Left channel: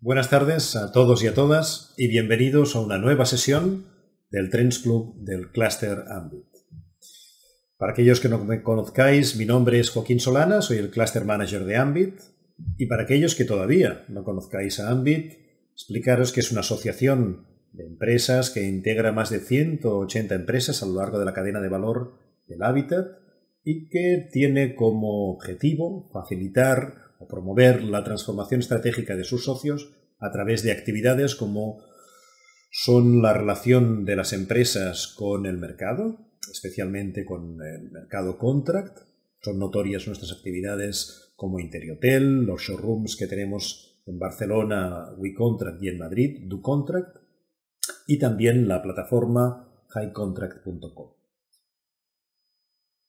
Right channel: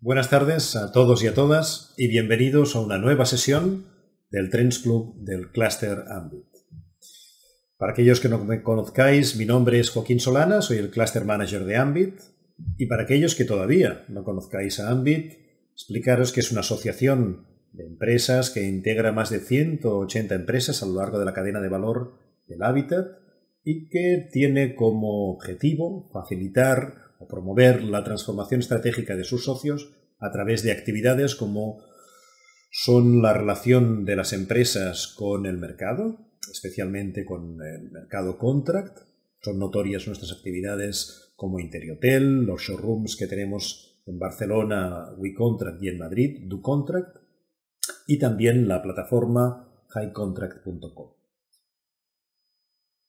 Buenas tardes a todos y a todas y bienvenidos a una nueva sesión del Trends Club del Cluster Ambit. Para aquellos que no me conozcáis, mi nombre es Joaquín Solana, soy el Cluster Manager de Ambit, y para aquellos que todavía no conozcáis a Ambit, explicaros que es una asociación de empresas que integra más de 180 empresas a lo largo de la cadena de valor del hábitat y que tiene como objetivo facilitar o promover la transformación estratégica de sus socios a través de actividades como son la relación de las empresas con el mercado, especialmente con el mercado contract. Son notorias nuestras actividades como Interiotel, los showrooms que tenemos en Barcelona, WeContract, y en Madrid, DoContract, y también la plataforma highcontract.com.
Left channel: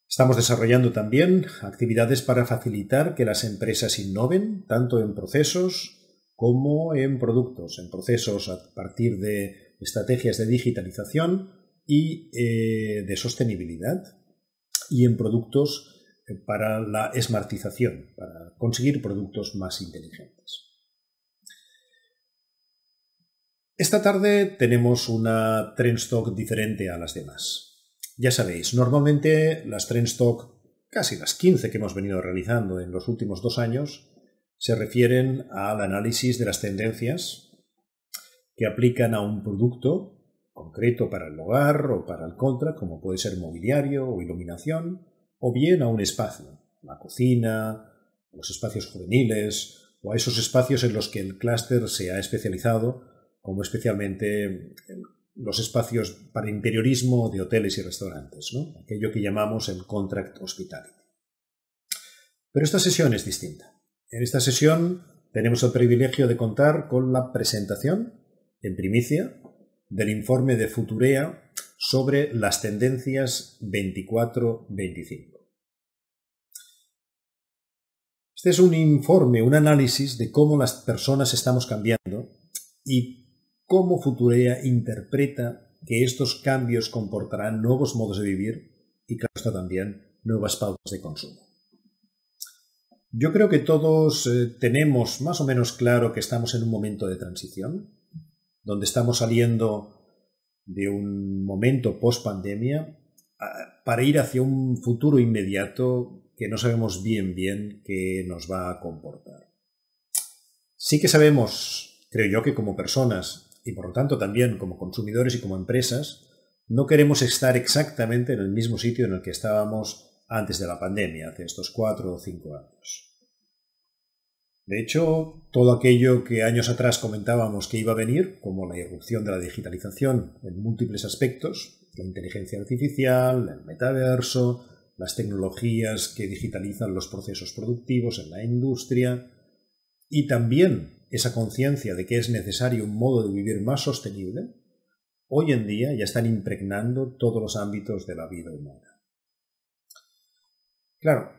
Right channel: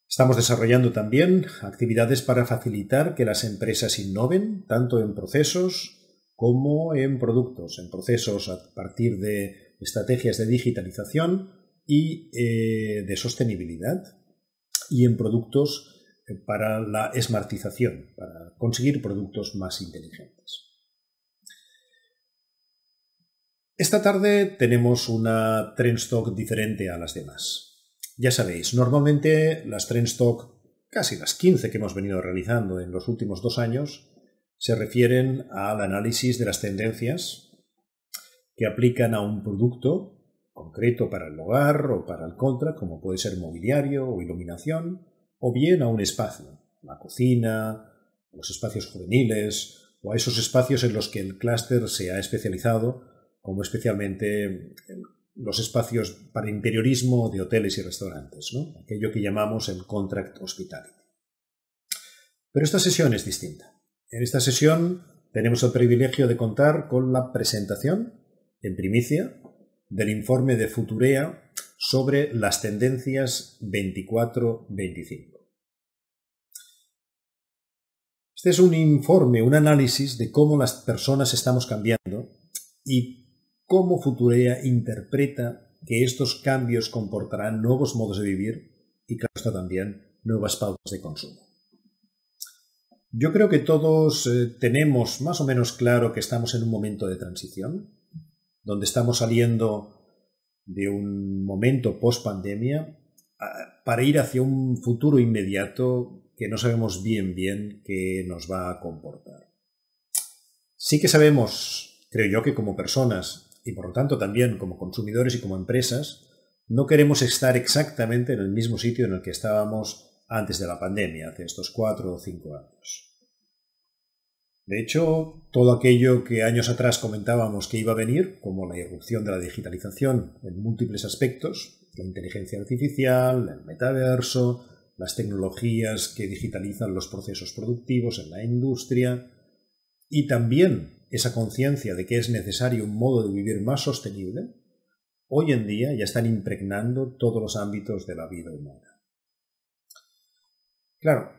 Estamos desarrollando también actividades para facilitar que las empresas innoven tanto en procesos como en productos, en procesos a partir de estrategias de digitalización y de sostenibilidad, y en productos para la smartización, para conseguir productos más inteligentes. Esta tarde tenemos una Trends Talk diferente a las demás. Ya sabéis, normalmente las Trends Talk, casi las 15 que hemos venido realizando en los últimos 2 años, se refieren al análisis de las tendencias que aplican a un producto concreto para el hogar o para el contract, como puede ser mobiliario o iluminación, o bien a un espacio, la cocina, los espacios juveniles o a esos espacios en los que el clúster se ha especializado, como especialmente los espacios para interiorismo de hoteles y restaurantes, ¿no? Aquello que llamamos el contract hospitality. Pero esta sesión es distinta. En esta sesión tenemos el privilegio de contar con la presentación, en primicia, del informe de Futurea sobre las tendencias 24-25. Este es un informe, un análisis de cómo las personas estamos cambiando y cómo Futurea interpreta que estos cambios comportarán nuevos modos de vivir y, claro está, también nuevas pautas de consumo. Yo creo que todos tenemos más o menos claro que estamos en un momento de transición, donde estamos saliendo de un momento post-pandemia para ir hacia un futuro inmediato que no sabemos bien qué nos va a comportar. Sí que sabemos, creo yo, que como personas y por lo tanto también como consumidores y como empresas, no queremos estar exactamente en el mismo sitio en el que estábamos antes de la pandemia, hace estos 4 o 5 años. De hecho, todo aquello que años atrás comentábamos que iba a venir, como la irrupción de la digitalización en múltiples aspectos, la inteligencia artificial, el metaverso, las tecnologías que digitalizan los procesos productivos en la industria, y también esa conciencia de que es necesario un modo de vivir más sostenible, hoy en día ya están impregnando todos los ámbitos de la vida humana. Claro,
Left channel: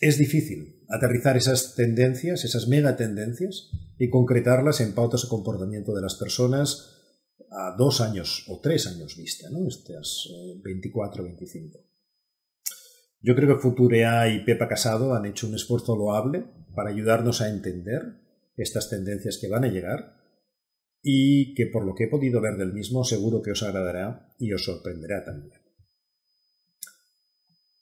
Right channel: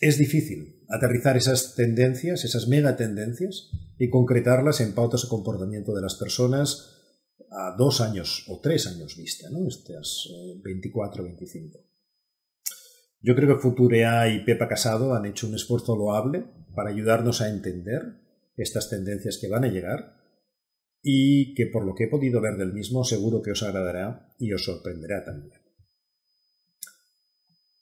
es difícil aterrizar esas tendencias, esas megatendencias, y concretarlas en pautas de comportamiento de las personas a 2 años o 3 años vista, ¿no? Estas 24-25. Yo creo que Futurea y Pepa Casado han hecho un esfuerzo loable para ayudarnos a entender estas tendencias que van a llegar y que, por lo que he podido ver del mismo, seguro que os agradará y os sorprenderá también.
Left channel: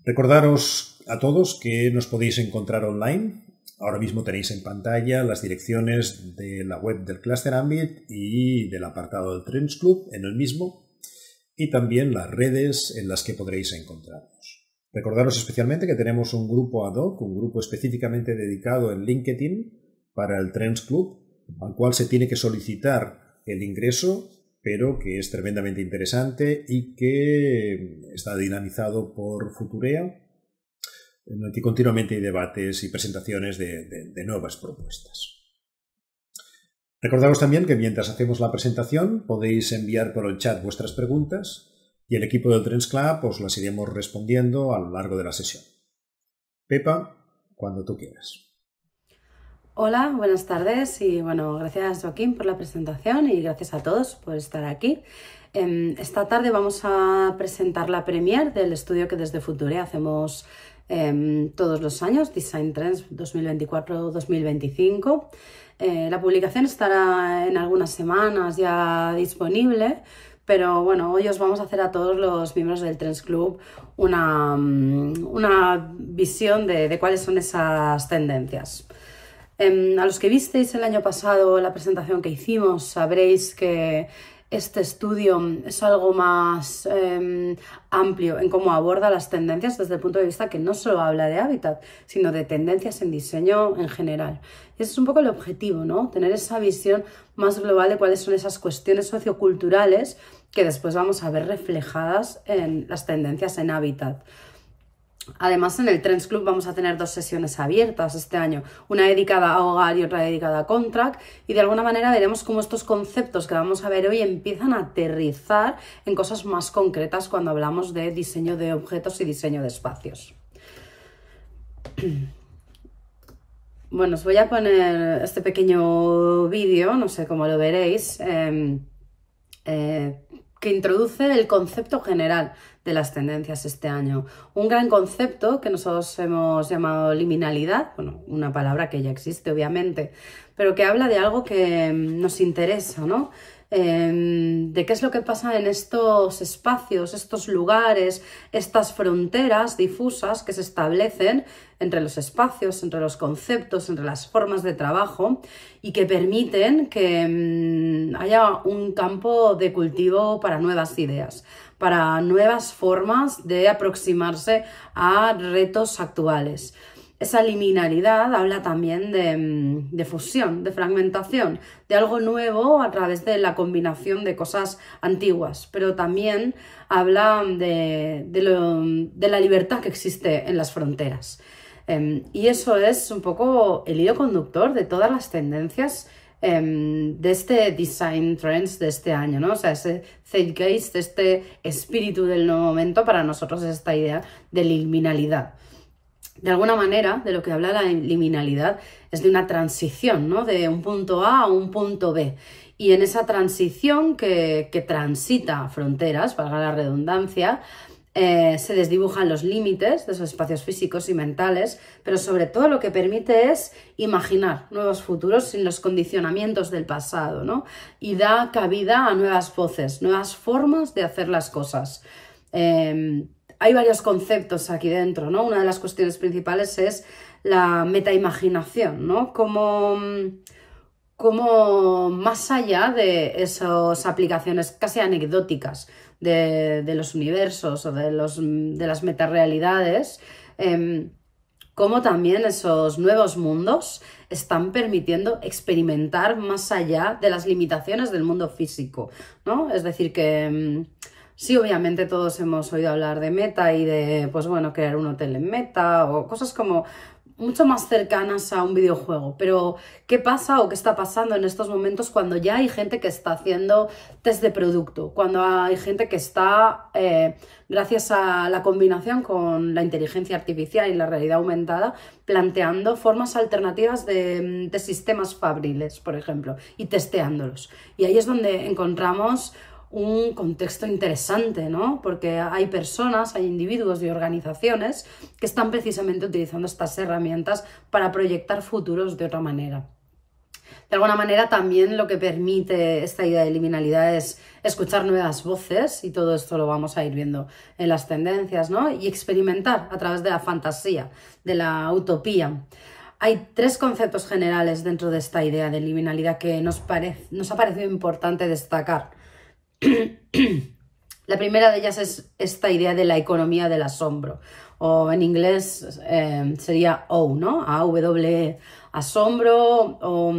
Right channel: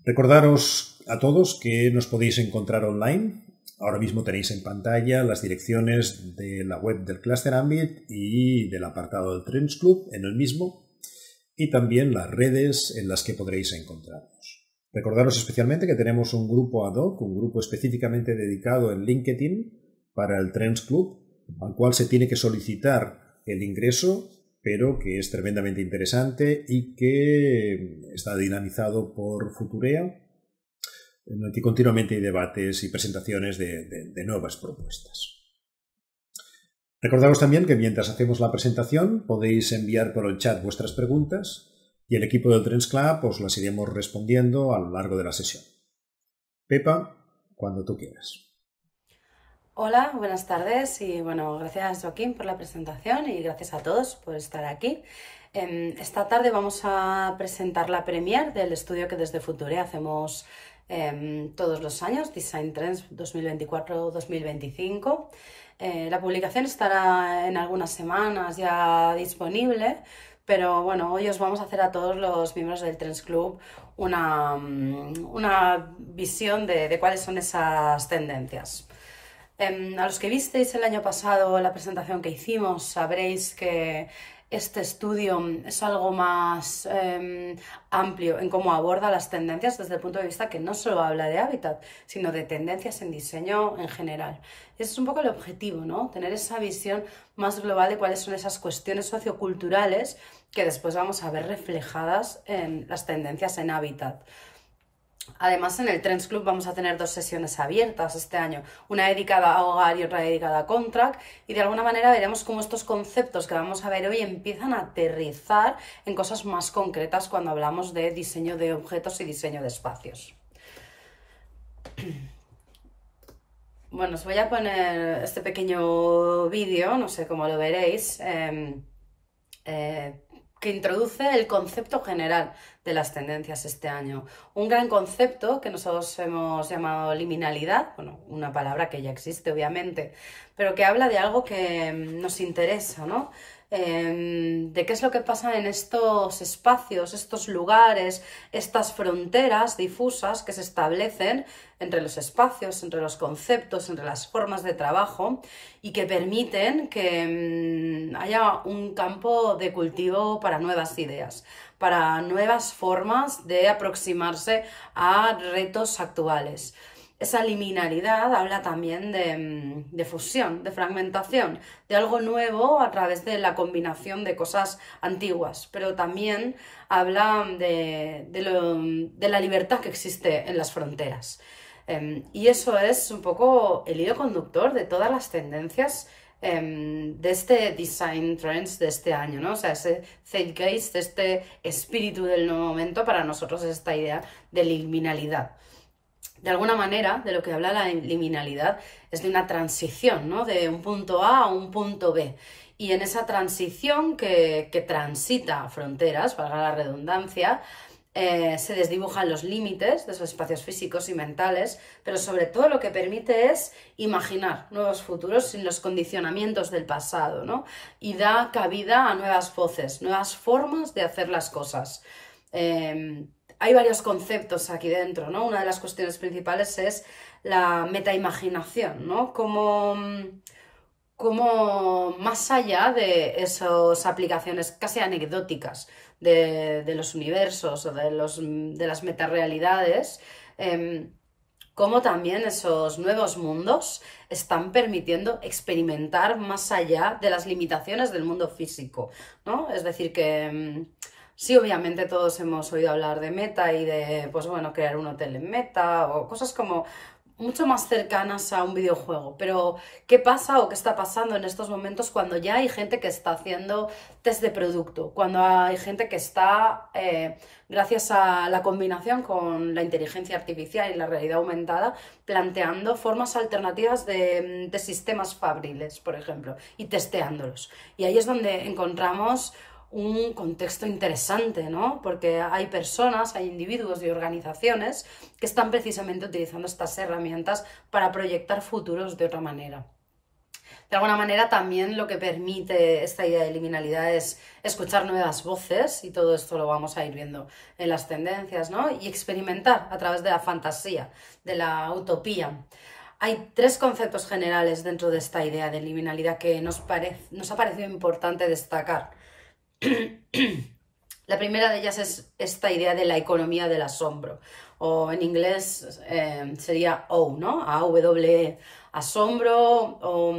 Recordaros a todos que nos podéis encontrar online. Ahora mismo tenéis en pantalla las direcciones de la web del Cluster Ambit y del apartado del Trends Club en el mismo, y también las redes en las que podréis encontrarnos. Recordaros especialmente que tenemos un grupo ad hoc, un grupo específicamente dedicado en LinkedIn para el Trends Club, al cual se tiene que solicitar el ingreso, pero que es tremendamente interesante y que está dinamizado por Futurea, en el que continuamente hay debates y presentaciones de nuevas propuestas. Recordaros también que mientras hacemos la presentación podéis enviar por el chat vuestras preguntas y el equipo del Trends Club os las iremos respondiendo a lo largo de la sesión. Pepa, cuando tú quieras. Hola, buenas tardes y bueno, gracias Joaquín por la presentación y gracias a todos por estar aquí. Esta tarde vamos a presentar la premier del estudio que desde Futurea hacemos todos los años, Design Trends 2024-2025. La publicación estará en algunas semanas ya disponible, pero bueno, hoy os vamos a hacer a todos los miembros del Trends Club una visión de cuáles son esas tendencias. A los que visteis el año pasado la presentación que hicimos, sabréis que este estudio es algo más amplio en cómo aborda las tendencias desde el punto de vista que no solo habla de hábitat, sino de tendencias en diseño en general. Y ese es un poco el objetivo, ¿no? Tener esa visión más global de cuáles son esas cuestiones socioculturales que después vamos a ver reflejadas en las tendencias en hábitat. Además, en el Trends Club vamos a tener 2 sesiones abiertas este año, una dedicada a hogar y otra dedicada a contract, y de alguna manera veremos cómo estos conceptos que vamos a ver hoy empiezan a aterrizar en cosas más concretas cuando hablamos de diseño de objetos y diseño de espacios. Bueno, os voy a poner este pequeño vídeo, no sé cómo lo veréis, que introduce el concepto general de las tendencias este año. Un gran concepto que nosotros hemos llamado liminalidad, bueno, una palabra que ya existe obviamente, pero que habla de algo que nos interesa, ¿no? De qué es lo que pasa en estos espacios, estos lugares, estas fronteras difusas que se establecen entre los espacios, entre los conceptos, entre las formas de trabajo y que permiten que haya un campo de cultivo para nuevas ideas, para nuevas formas de aproximarse a retos actuales. Esa liminalidad habla también de fusión, de fragmentación, de algo nuevo a través de la combinación de cosas antiguas, pero también habla de la libertad que existe en las fronteras. Y eso es un poco el hilo conductor de todas las tendencias de este Design Trends de este año, ¿no? O sea, ese zeitgeist, este espíritu del nuevo momento, para nosotros es esta idea de liminalidad. De alguna manera, de lo que habla la liminalidad es de una transición, ¿no? De un punto A a un punto B. Y en esa transición que transita fronteras, valga la redundancia, se desdibujan los límites de esos espacios físicos y mentales, pero sobre todo lo que permite es imaginar nuevos futuros sin los condicionamientos del pasado, ¿no? Y da cabida a nuevas voces, nuevas formas de hacer las cosas. Hay varios conceptos aquí dentro, ¿no? Una de las cuestiones principales es la metaimaginación, ¿no? Como más allá de esas aplicaciones casi anecdóticas de los universos o de las metarealidades, como también esos nuevos mundos están permitiendo experimentar más allá de las limitaciones del mundo físico, ¿no? Es decir que sí, obviamente todos hemos oído hablar de meta y de, pues bueno, crear un hotel en meta o cosas como mucho más cercanas a un videojuego. Pero, ¿qué pasa o qué está pasando en estos momentos cuando ya hay gente que está haciendo test de producto? Cuando hay gente que está, gracias a la combinación con la inteligencia artificial y la realidad aumentada, planteando formas alternativas de sistemas fabriles, por ejemplo, y testeándolos. Y ahí es donde encontramos un contexto interesante, ¿no? Porque hay personas, hay individuos y organizaciones que están precisamente utilizando estas herramientas para proyectar futuros de otra manera. De alguna manera también lo que permite esta idea de liminalidad es escuchar nuevas voces, y todo esto lo vamos a ir viendo en las tendencias, ¿no? Y experimentar a través de la fantasía, de la utopía. Hay 3 conceptos generales dentro de esta idea de liminalidad que nos ha parecido importante destacar. La primera de ellas es esta idea de la economía del asombro, o en inglés sería O, ¿no? A-W-E, asombro, o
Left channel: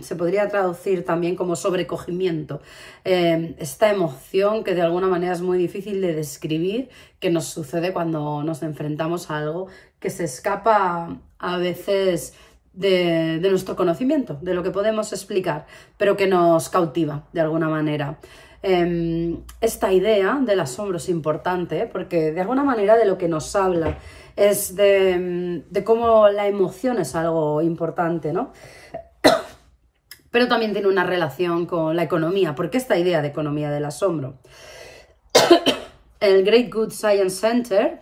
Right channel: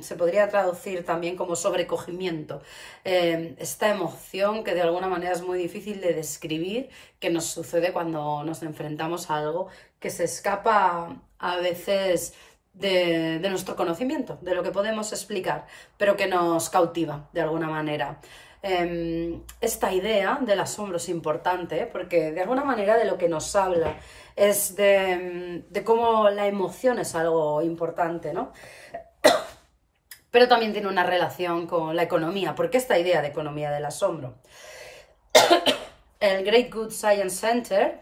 se podría traducir también como sobrecogimiento. Esta emoción que de alguna manera es muy difícil de describir, que nos sucede cuando nos enfrentamos a algo que se escapa a veces de nuestro conocimiento, de lo que podemos explicar, pero que nos cautiva de alguna manera. Esta idea del asombro es importante porque de alguna manera de lo que nos habla es de cómo la emoción es algo importante, ¿no? Pero también tiene una relación con la economía. ¿Por qué esta idea de economía del asombro? El Great Good Science Center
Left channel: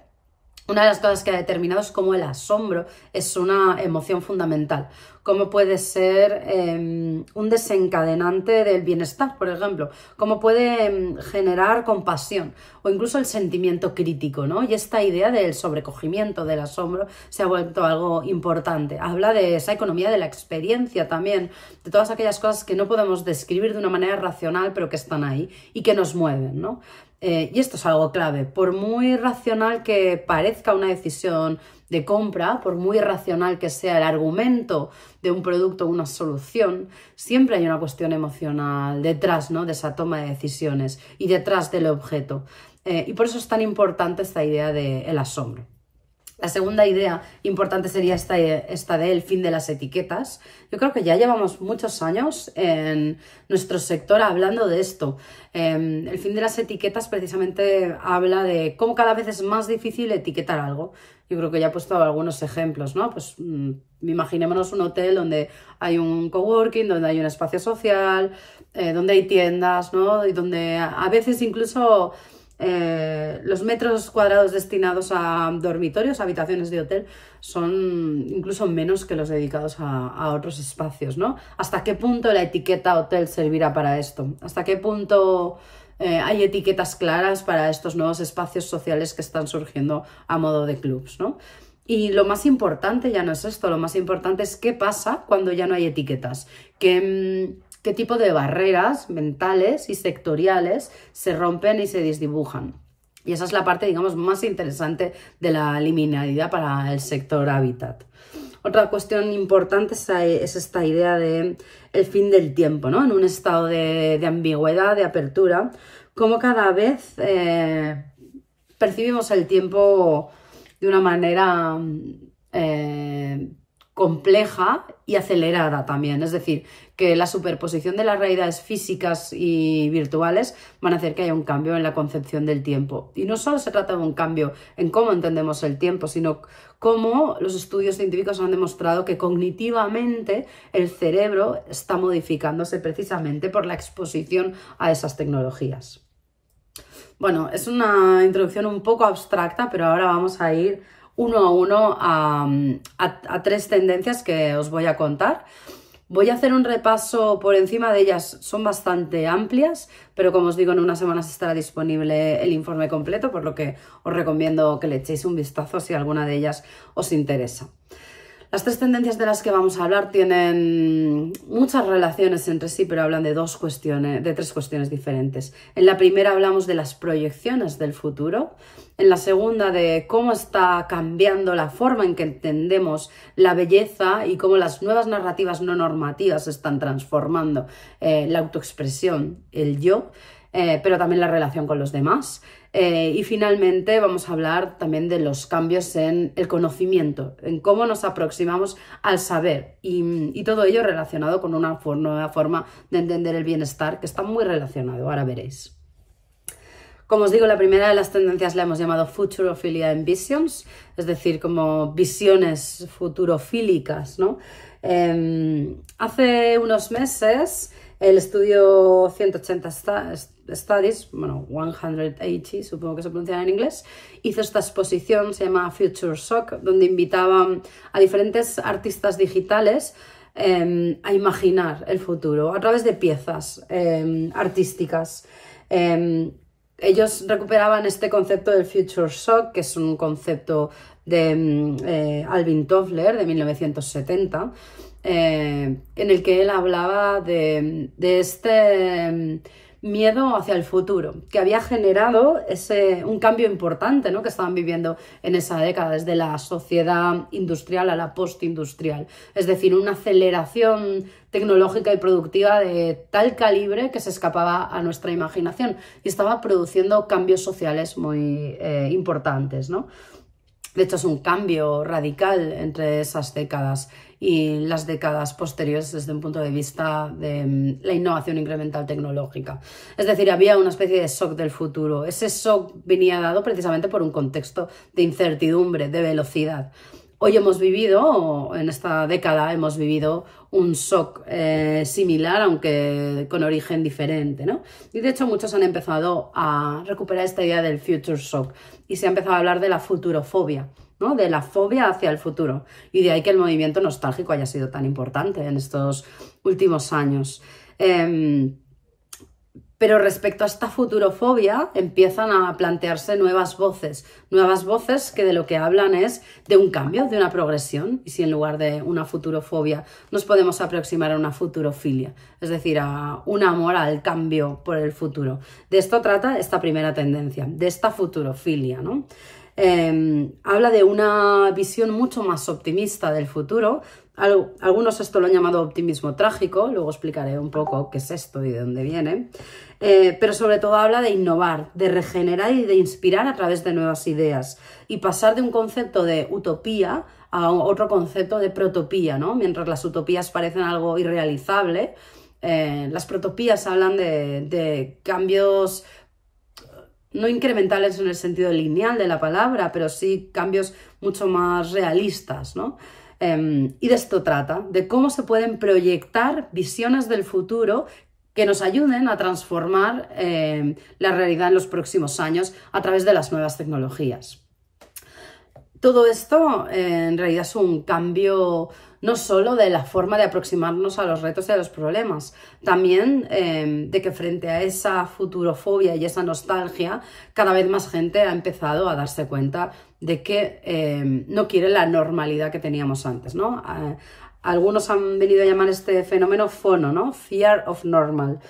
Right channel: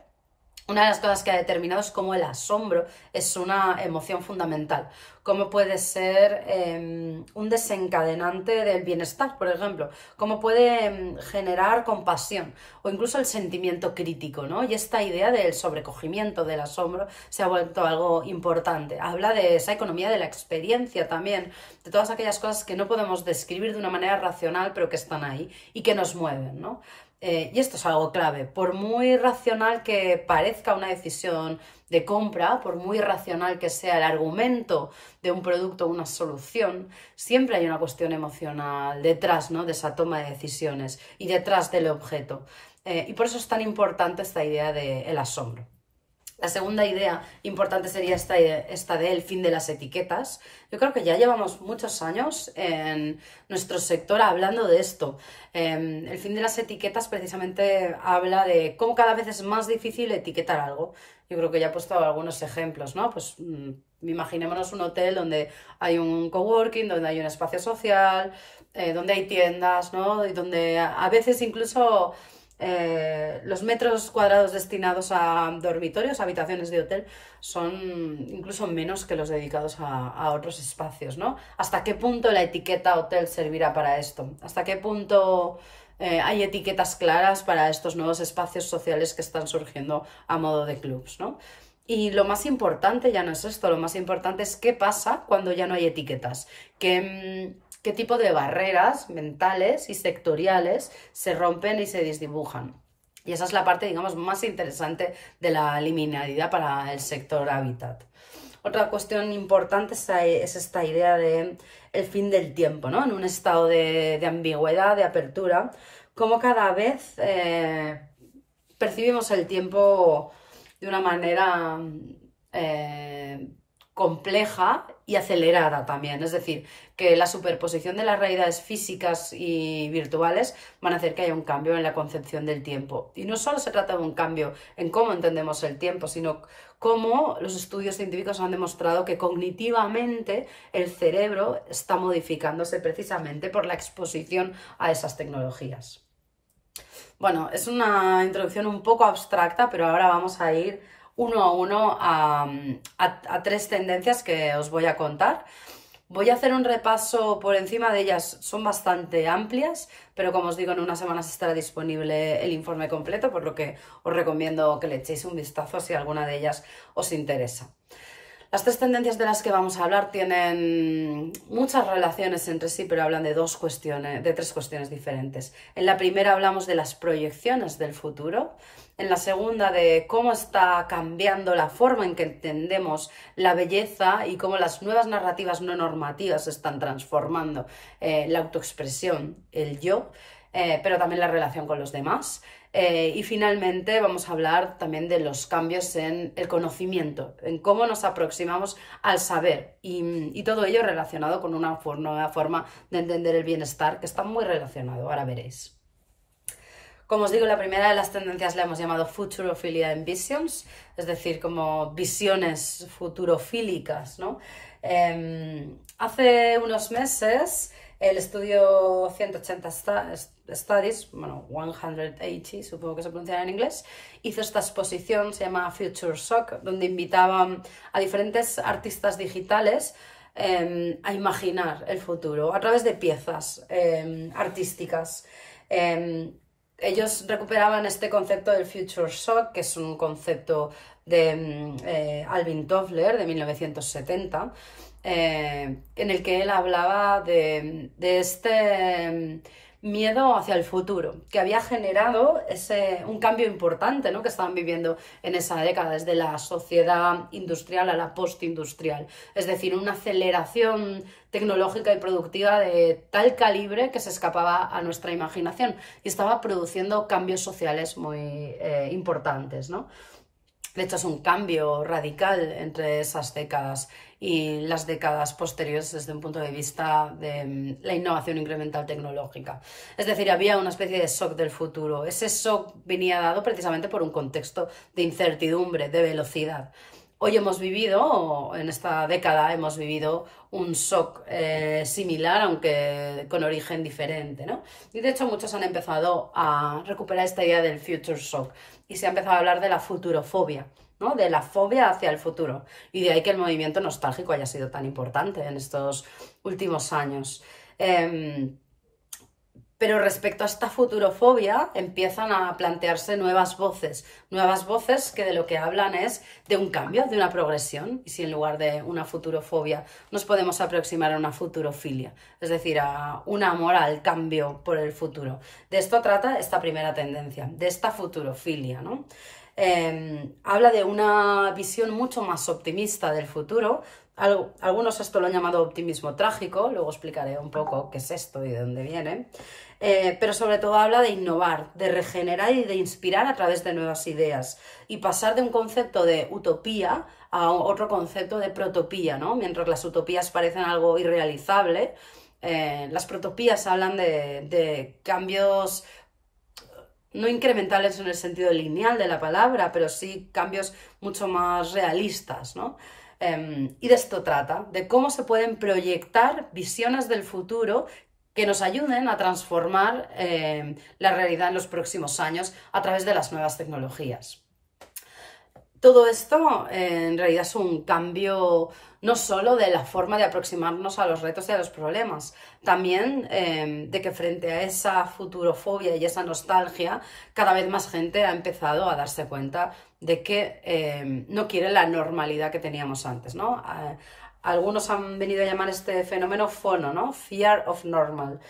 una de las cosas que ha determinado es cómo el asombro es una emoción fundamental, cómo puede ser un desencadenante del bienestar, por ejemplo, cómo puede generar compasión o incluso el sentimiento crítico, ¿no? Y esta idea del sobrecogimiento del asombro se ha vuelto algo importante. Habla de esa economía de la experiencia también, de todas aquellas cosas que no podemos describir de una manera racional, pero que están ahí y que nos mueven, ¿no? Y esto es algo clave. Por muy racional que parezca una decisión de compra, por muy racional que sea el argumento de un producto o una solución, siempre hay una cuestión emocional detrás, ¿no?, de esa toma de decisiones y detrás del objeto. Y por eso es tan importante esta idea del asombro. La segunda idea importante sería esta del fin de las etiquetas. Yo creo que ya llevamos muchos años en nuestro sector hablando de esto. El fin de las etiquetas precisamente habla de cómo cada vez es más difícil etiquetar algo. Yo creo que ya he puesto algunos ejemplos, ¿no? Pues imaginémonos un hotel donde hay un coworking, donde hay un espacio social, donde hay tiendas, ¿no? Y donde a veces incluso los metros cuadrados destinados a dormitorios, habitaciones de hotel, son incluso menos que los dedicados a otros espacios, ¿no? ¿Hasta qué punto la etiqueta hotel servirá para esto? ¿Hasta qué punto hay etiquetas claras para estos nuevos espacios sociales que están surgiendo a modo de clubs, ¿no? Y lo más importante ya no es esto, lo más importante es qué pasa cuando ya no hay etiquetas, qué tipo de barreras mentales y sectoriales se rompen y se desdibujan. Y esa es la parte, digamos, más interesante de la liminalidad para el sector hábitat. Otra cuestión importante es esta idea de el fin del tiempo, ¿no? En un estado de ambigüedad, de apertura, como cada vez percibimos el tiempo de una manera compleja y acelerada también. Es decir, que la superposición de las realidades físicas y virtuales van a hacer que haya un cambio en la concepción del tiempo. Y no solo se trata de un cambio en cómo entendemos el tiempo, sino cómo los estudios científicos han demostrado que cognitivamente el cerebro está modificándose precisamente por la exposición a esas tecnologías. Bueno, es una introducción un poco abstracta, pero ahora vamos a ir uno a uno a tres tendencias que os voy a contar. Voy a hacer un repaso por encima de ellas, son bastante amplias, pero como os digo, en unas semanas estará disponible el informe completo, por lo que os recomiendo que le echéis un vistazo si alguna de ellas os interesa. Las tres tendencias de las que vamos a hablar tienen muchas relaciones entre sí, pero hablan de tres cuestiones diferentes. En la primera hablamos de las proyecciones del futuro. En la segunda, de cómo está cambiando la forma en que entendemos la belleza y cómo las nuevas narrativas no normativas están transformando la autoexpresión, el yo, pero también la relación con los demás. Y finalmente vamos a hablar también de los cambios en el conocimiento, en cómo nos aproximamos al saber y todo ello relacionado con una nueva forma de entender el bienestar que está muy relacionado, ahora veréis. Como os digo, la primera de las tendencias la hemos llamado Futurophilia and Visions, es decir, como visiones futurofílicas, ¿no? Hace unos meses el estudio 180 Studies, bueno, 180, supongo que se pronuncia en inglés, hizo esta exposición, se llama Future Shock, donde invitaban a diferentes artistas digitales a imaginar el futuro a través de piezas artísticas. Ellos recuperaban este concepto del Future Shock, que es un concepto de Alvin Toffler de 1970, en el que él hablaba de este miedo hacia el futuro, que había generado un cambio importante, ¿no?, que estaban viviendo en esa década, desde la sociedad industrial a la postindustrial. Es decir, una aceleración tecnológica y productiva de tal calibre que se escapaba a nuestra imaginación y estaba produciendo cambios sociales muy importantes, ¿no? De hecho, es un cambio radical entre esas décadas y las décadas posteriores desde un punto de vista de la innovación incremental tecnológica. Es decir, había una especie de shock del futuro. Ese shock venía dado precisamente por un contexto de incertidumbre, de velocidad. Hoy hemos vivido, en esta década hemos vivido un shock similar, aunque con origen diferente, ¿no? Y de hecho muchos han empezado a recuperar esta idea del future shock, y se ha empezado a hablar de la futurofobia, ¿no? De la fobia hacia el futuro. Y de ahí que el movimiento nostálgico haya sido tan importante en estos últimos años. Pero respecto a esta futurofobia empiezan a plantearse nuevas voces que de lo que hablan es de un cambio, de una progresión, y si en lugar de una futurofobia nos podemos aproximar a una futurofilia, es decir, a un amor al cambio por el futuro. De esto trata esta primera tendencia, de esta futurofilia, ¿no? Habla de una visión mucho más optimista del futuro. Algunos esto lo han llamado optimismo trágico, luego explicaré un poco qué es esto y de dónde viene, pero sobre todo habla de innovar, de regenerar y de inspirar a través de nuevas ideas y pasar de un concepto de utopía a otro concepto de protopía, ¿no? Mientras las utopías parecen algo irrealizable, las protopías hablan de cambios no incrementales en el sentido lineal de la palabra, pero sí cambios mucho más realistas, ¿no? Y de esto trata, de cómo se pueden proyectar visiones del futuro que nos ayuden a transformar la realidad en los próximos años a través de las nuevas tecnologías. Todo esto en realidad es un cambio no solo de la forma de aproximarnos a los retos y a los problemas, también de que frente a esa futurofobia y esa nostalgia, cada vez más gente ha empezado a darse cuenta de que no quiere la normalidad que teníamos antes, ¿no? Algunos han venido a llamar este fenómeno FONO, ¿no? Fear of Normal.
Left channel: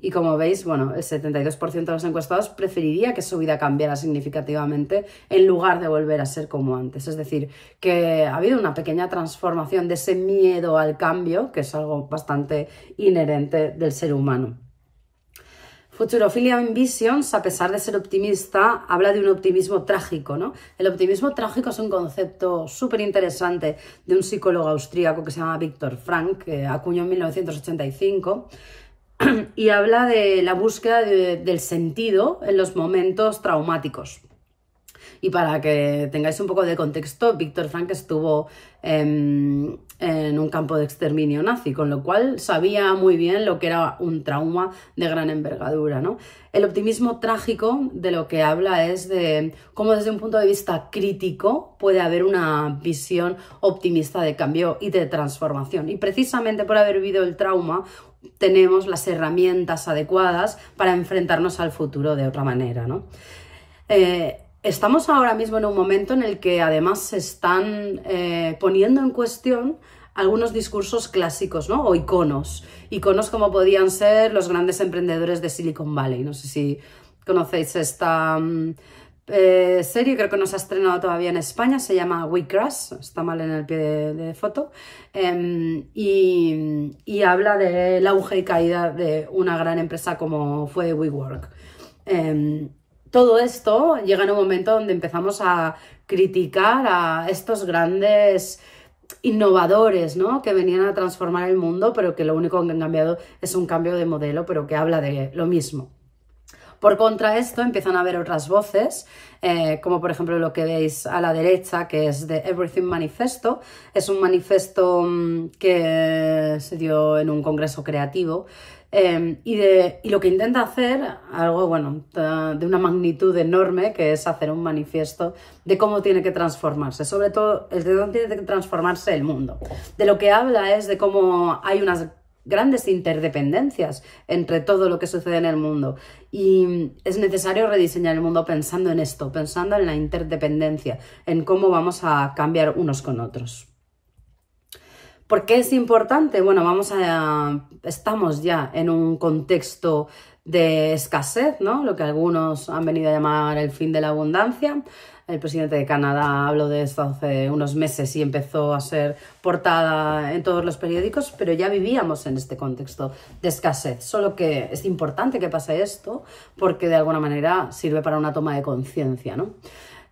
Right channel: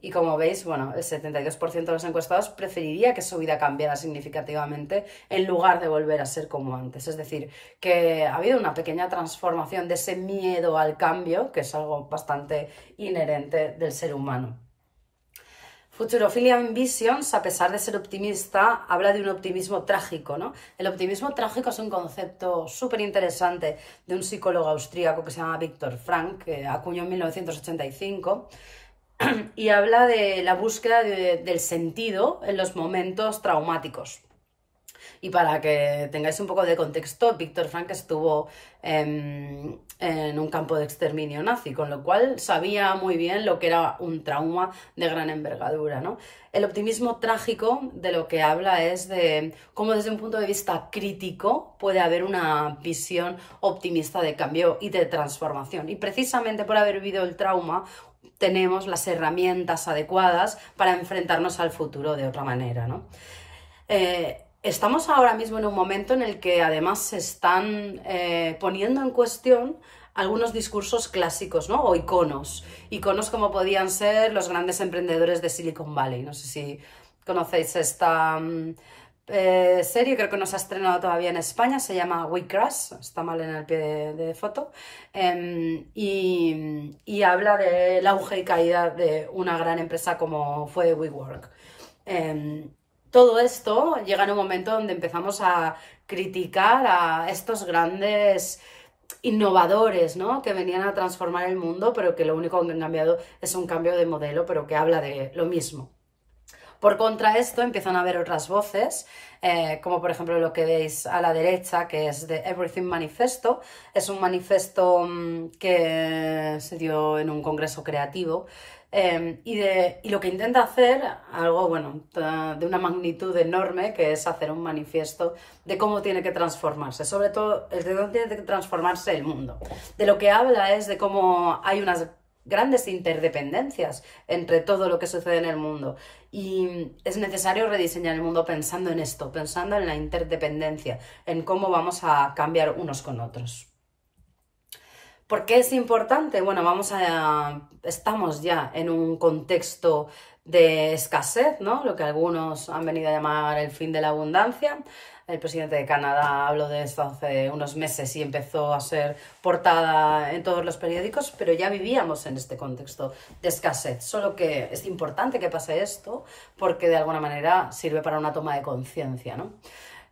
Y como veis, bueno, el 72% de los encuestados preferiría que su vida cambiara significativamente en lugar de volver a ser como antes. Es decir, que ha habido una pequeña transformación de ese miedo al cambio, que es algo bastante inherente del ser humano. Futurophilia Visions, a pesar de ser optimista, habla de un optimismo trágico, ¿no? El optimismo trágico es un concepto súper interesante de un psicólogo austríaco que se llama Viktor Frankl, que acuñó en 1985, y habla de la búsqueda del sentido en los momentos traumáticos. Y para que tengáis un poco de contexto, Viktor Frankl estuvo en un campo de exterminio nazi, con lo cual sabía muy bien lo que era un trauma de gran envergadura, ¿no? El optimismo trágico de lo que habla es de cómo desde un punto de vista crítico puede haber una visión optimista de cambio y de transformación. Y precisamente por haber vivido el trauma tenemos las herramientas adecuadas para enfrentarnos al futuro de otra manera, ¿no? Estamos ahora mismo en un momento en el que además se están poniendo en cuestión algunos discursos clásicos, ¿no? O iconos como podían ser los grandes emprendedores de Silicon Valley. No sé si conocéis esta serie, creo que no se ha estrenado todavía en España, se llama We Crash, está mal en el pie de foto, y habla del auge y caída de una gran empresa como fue WeWork. Todo esto llega en un momento donde empezamos a criticar a estos grandes innovadores, ¿no? Que venían a transformar el mundo, pero que lo único que han cambiado es un cambio de modelo, pero que habla de lo mismo. Por contra esto empiezan a haber otras voces, como por ejemplo lo que veis a la derecha, que es The Everything Manifesto. Es un manifiesto que se dio en un congreso creativo, y lo que intenta hacer, algo bueno, de una magnitud enorme, que es hacer un manifiesto de cómo tiene que transformarse, sobre todo de cómo tiene que transformarse el mundo. De lo que habla es de cómo hay unas grandes interdependencias entre todo lo que sucede en el mundo y es necesario rediseñar el mundo pensando en esto, pensando en la interdependencia, en cómo vamos a cambiar unos con otros. ¿Por qué es importante? Bueno, estamos ya en un contexto de escasez, ¿no? Lo que algunos han venido a llamar el fin de la abundancia. El presidente de Canadá habló de esto hace unos meses y empezó a ser portada en todos los periódicos, pero ya vivíamos en este contexto de escasez. Solo que es importante que pase esto porque de alguna manera sirve para una toma de conciencia, ¿no?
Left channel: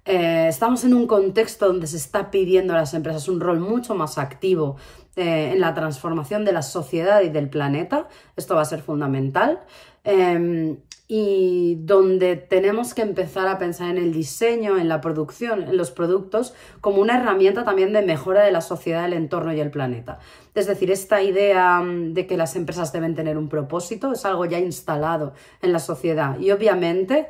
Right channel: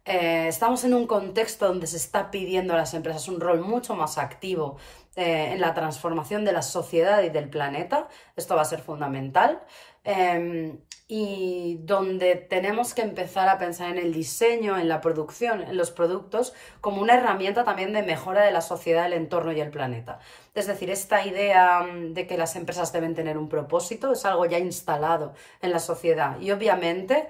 Estamos en un contexto donde se está pidiendo a las empresas un rol mucho más activo en la transformación de la sociedad y del planeta. Esto va a ser fundamental. Y donde tenemos que empezar a pensar en el diseño, en la producción, en los productos, como una herramienta también de mejora de la sociedad, el entorno y el planeta. Es decir, esta idea de que las empresas deben tener un propósito es algo ya instalado en la sociedad. Y obviamente,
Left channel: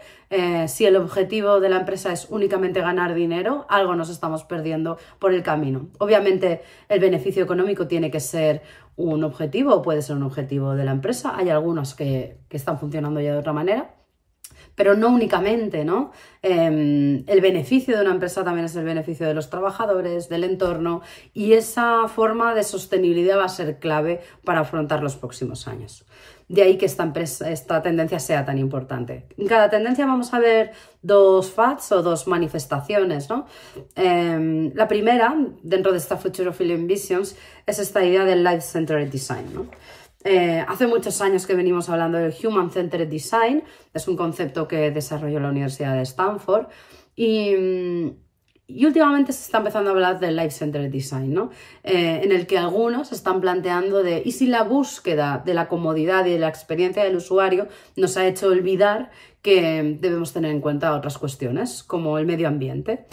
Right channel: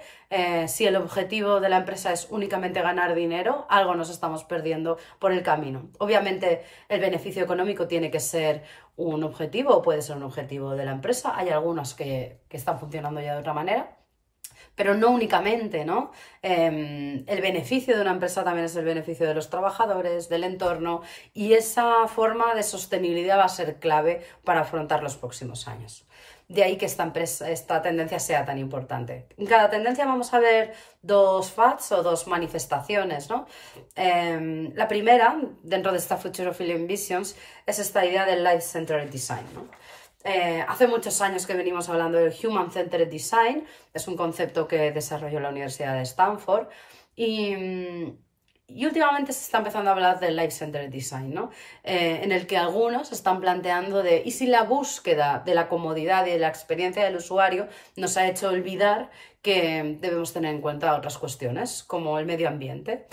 si el objetivo de la empresa es únicamente ganar dinero, algo nos estamos perdiendo por el camino. Obviamente, el beneficio económico tiene que ser un objetivo o puede ser un objetivo de la empresa. Hay algunos que están funcionando ya de otra manera, pero no únicamente, ¿no? El beneficio de una empresa también es el beneficio de los trabajadores, del entorno, y esa forma de sostenibilidad va a ser clave para afrontar los próximos años. De ahí que esta tendencia sea tan importante. En cada tendencia vamos a ver dos fads o dos manifestaciones, ¿no? La primera, dentro de esta Future of Living Visions, es esta idea del Life-Centered Design, ¿no? Hace muchos años que venimos hablando del Human Centered Design, es un concepto que desarrolló la Universidad de Stanford y últimamente se está empezando a hablar del Life Centered Design, ¿no? En el que algunos están planteando ¿y si la búsqueda de la comodidad y de la experiencia del usuario nos ha hecho olvidar que debemos tener en cuenta otras cuestiones como el medio ambiente?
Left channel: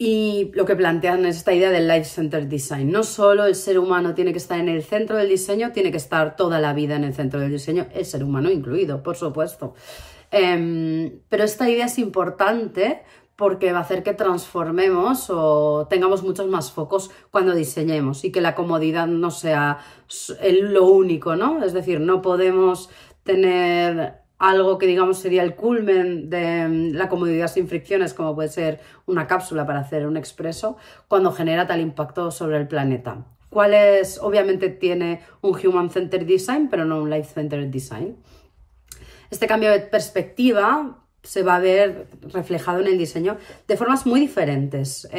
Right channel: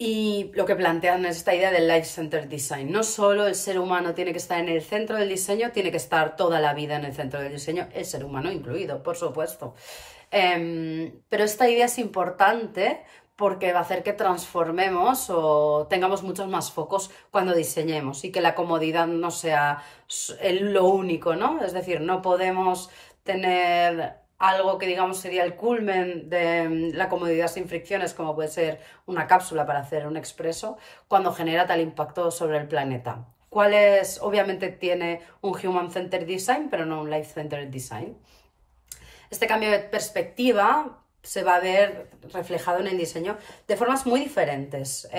Y lo que plantean es esta idea del Life-Centered Design. No solo el ser humano tiene que estar en el centro del diseño, tiene que estar toda la vida en el centro del diseño, el ser humano incluido, por supuesto. Pero esta idea es importante porque va a hacer que transformemos o tengamos muchos más focos cuando diseñemos y que la comodidad no sea lo único, ¿no? Es decir, no podemos tener algo que digamos sería el culmen de la comodidad sin fricciones, como puede ser una cápsula para hacer un expreso, cuando genera tal impacto sobre el planeta. Obviamente tiene un Human-Centered Design, pero no un Life-Centered Design. Este cambio de perspectiva se va a ver reflejado en el diseño de formas muy diferentes.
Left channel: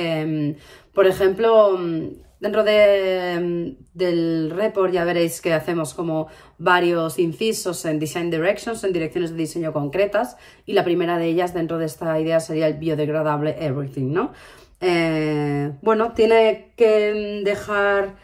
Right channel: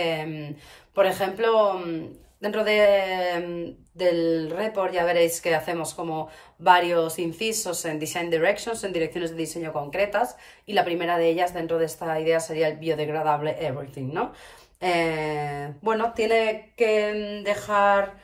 Por ejemplo, dentro del report ya veréis que hacemos como varios incisos en Design Directions, en direcciones de diseño concretas, y la primera de ellas dentro de esta idea sería el biodegradable everything, ¿no? Bueno, tiene que dejar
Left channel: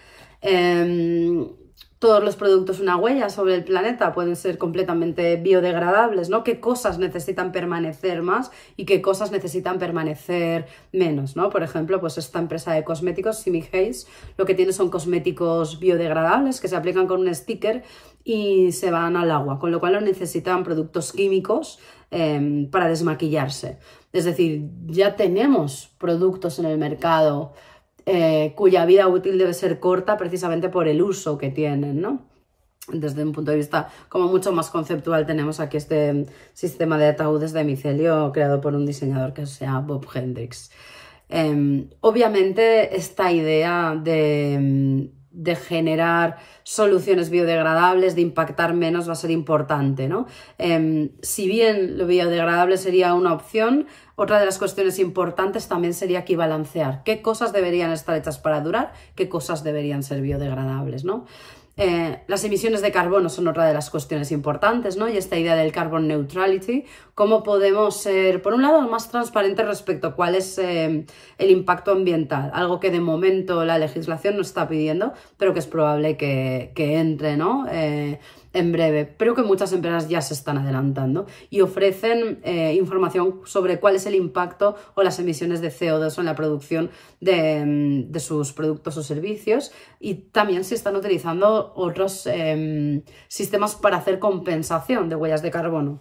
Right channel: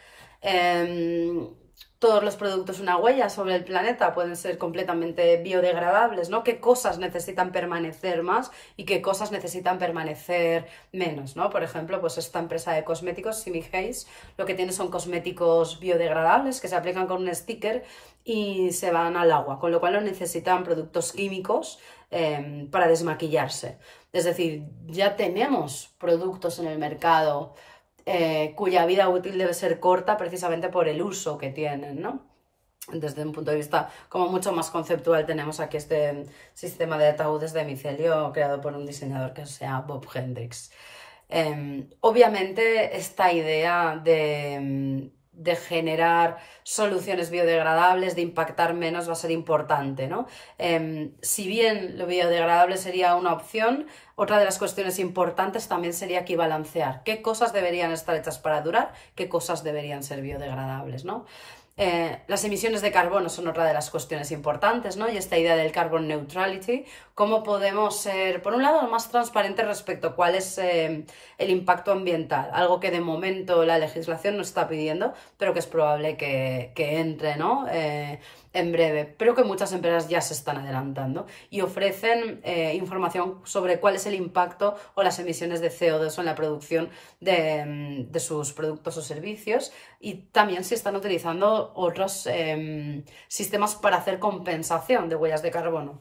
todos los productos una huella sobre el planeta, pueden ser completamente biodegradables, ¿no? ¿Qué cosas necesitan permanecer más y qué cosas necesitan permanecer menos, ¿no? Por ejemplo, pues esta empresa de cosméticos, Simi Hayes, lo que tiene son cosméticos biodegradables que se aplican con un sticker y se van al agua, con lo cual no necesitan productos químicos para desmaquillarse. Es decir, ya tenemos productos en el mercado cuya vida útil debe ser corta precisamente por el uso que tienen, ¿no? Desde un punto de vista como mucho más conceptual tenemos aquí este sistema de ataúdes de micelio creado por un diseñador que se llama Bob Hendricks. Obviamente esta idea de generar soluciones biodegradables, de impactar menos, va a ser importante, ¿no? Si bien lo biodegradable sería una opción, otra de las cuestiones importantes también sería aquí balancear qué cosas deberían estar hechas para durar, qué cosas deberían ser biodegradables, ¿no? Las emisiones de carbono son otra de las cuestiones importantes, ¿no? Y esta idea del carbon neutrality, cómo podemos ser, por un lado, más transparentes respecto a cuál es el impacto ambiental, algo que de momento la legislación no está pidiendo, pero que es probable que entre, ¿no? En breve, pero que muchas empresas ya se están adelantando y ofrecen información sobre cuál es el impacto o las emisiones de CO2 en la producción de sus productos o servicios, y también si están utilizando otros sistemas para hacer compensación de huellas de carbono.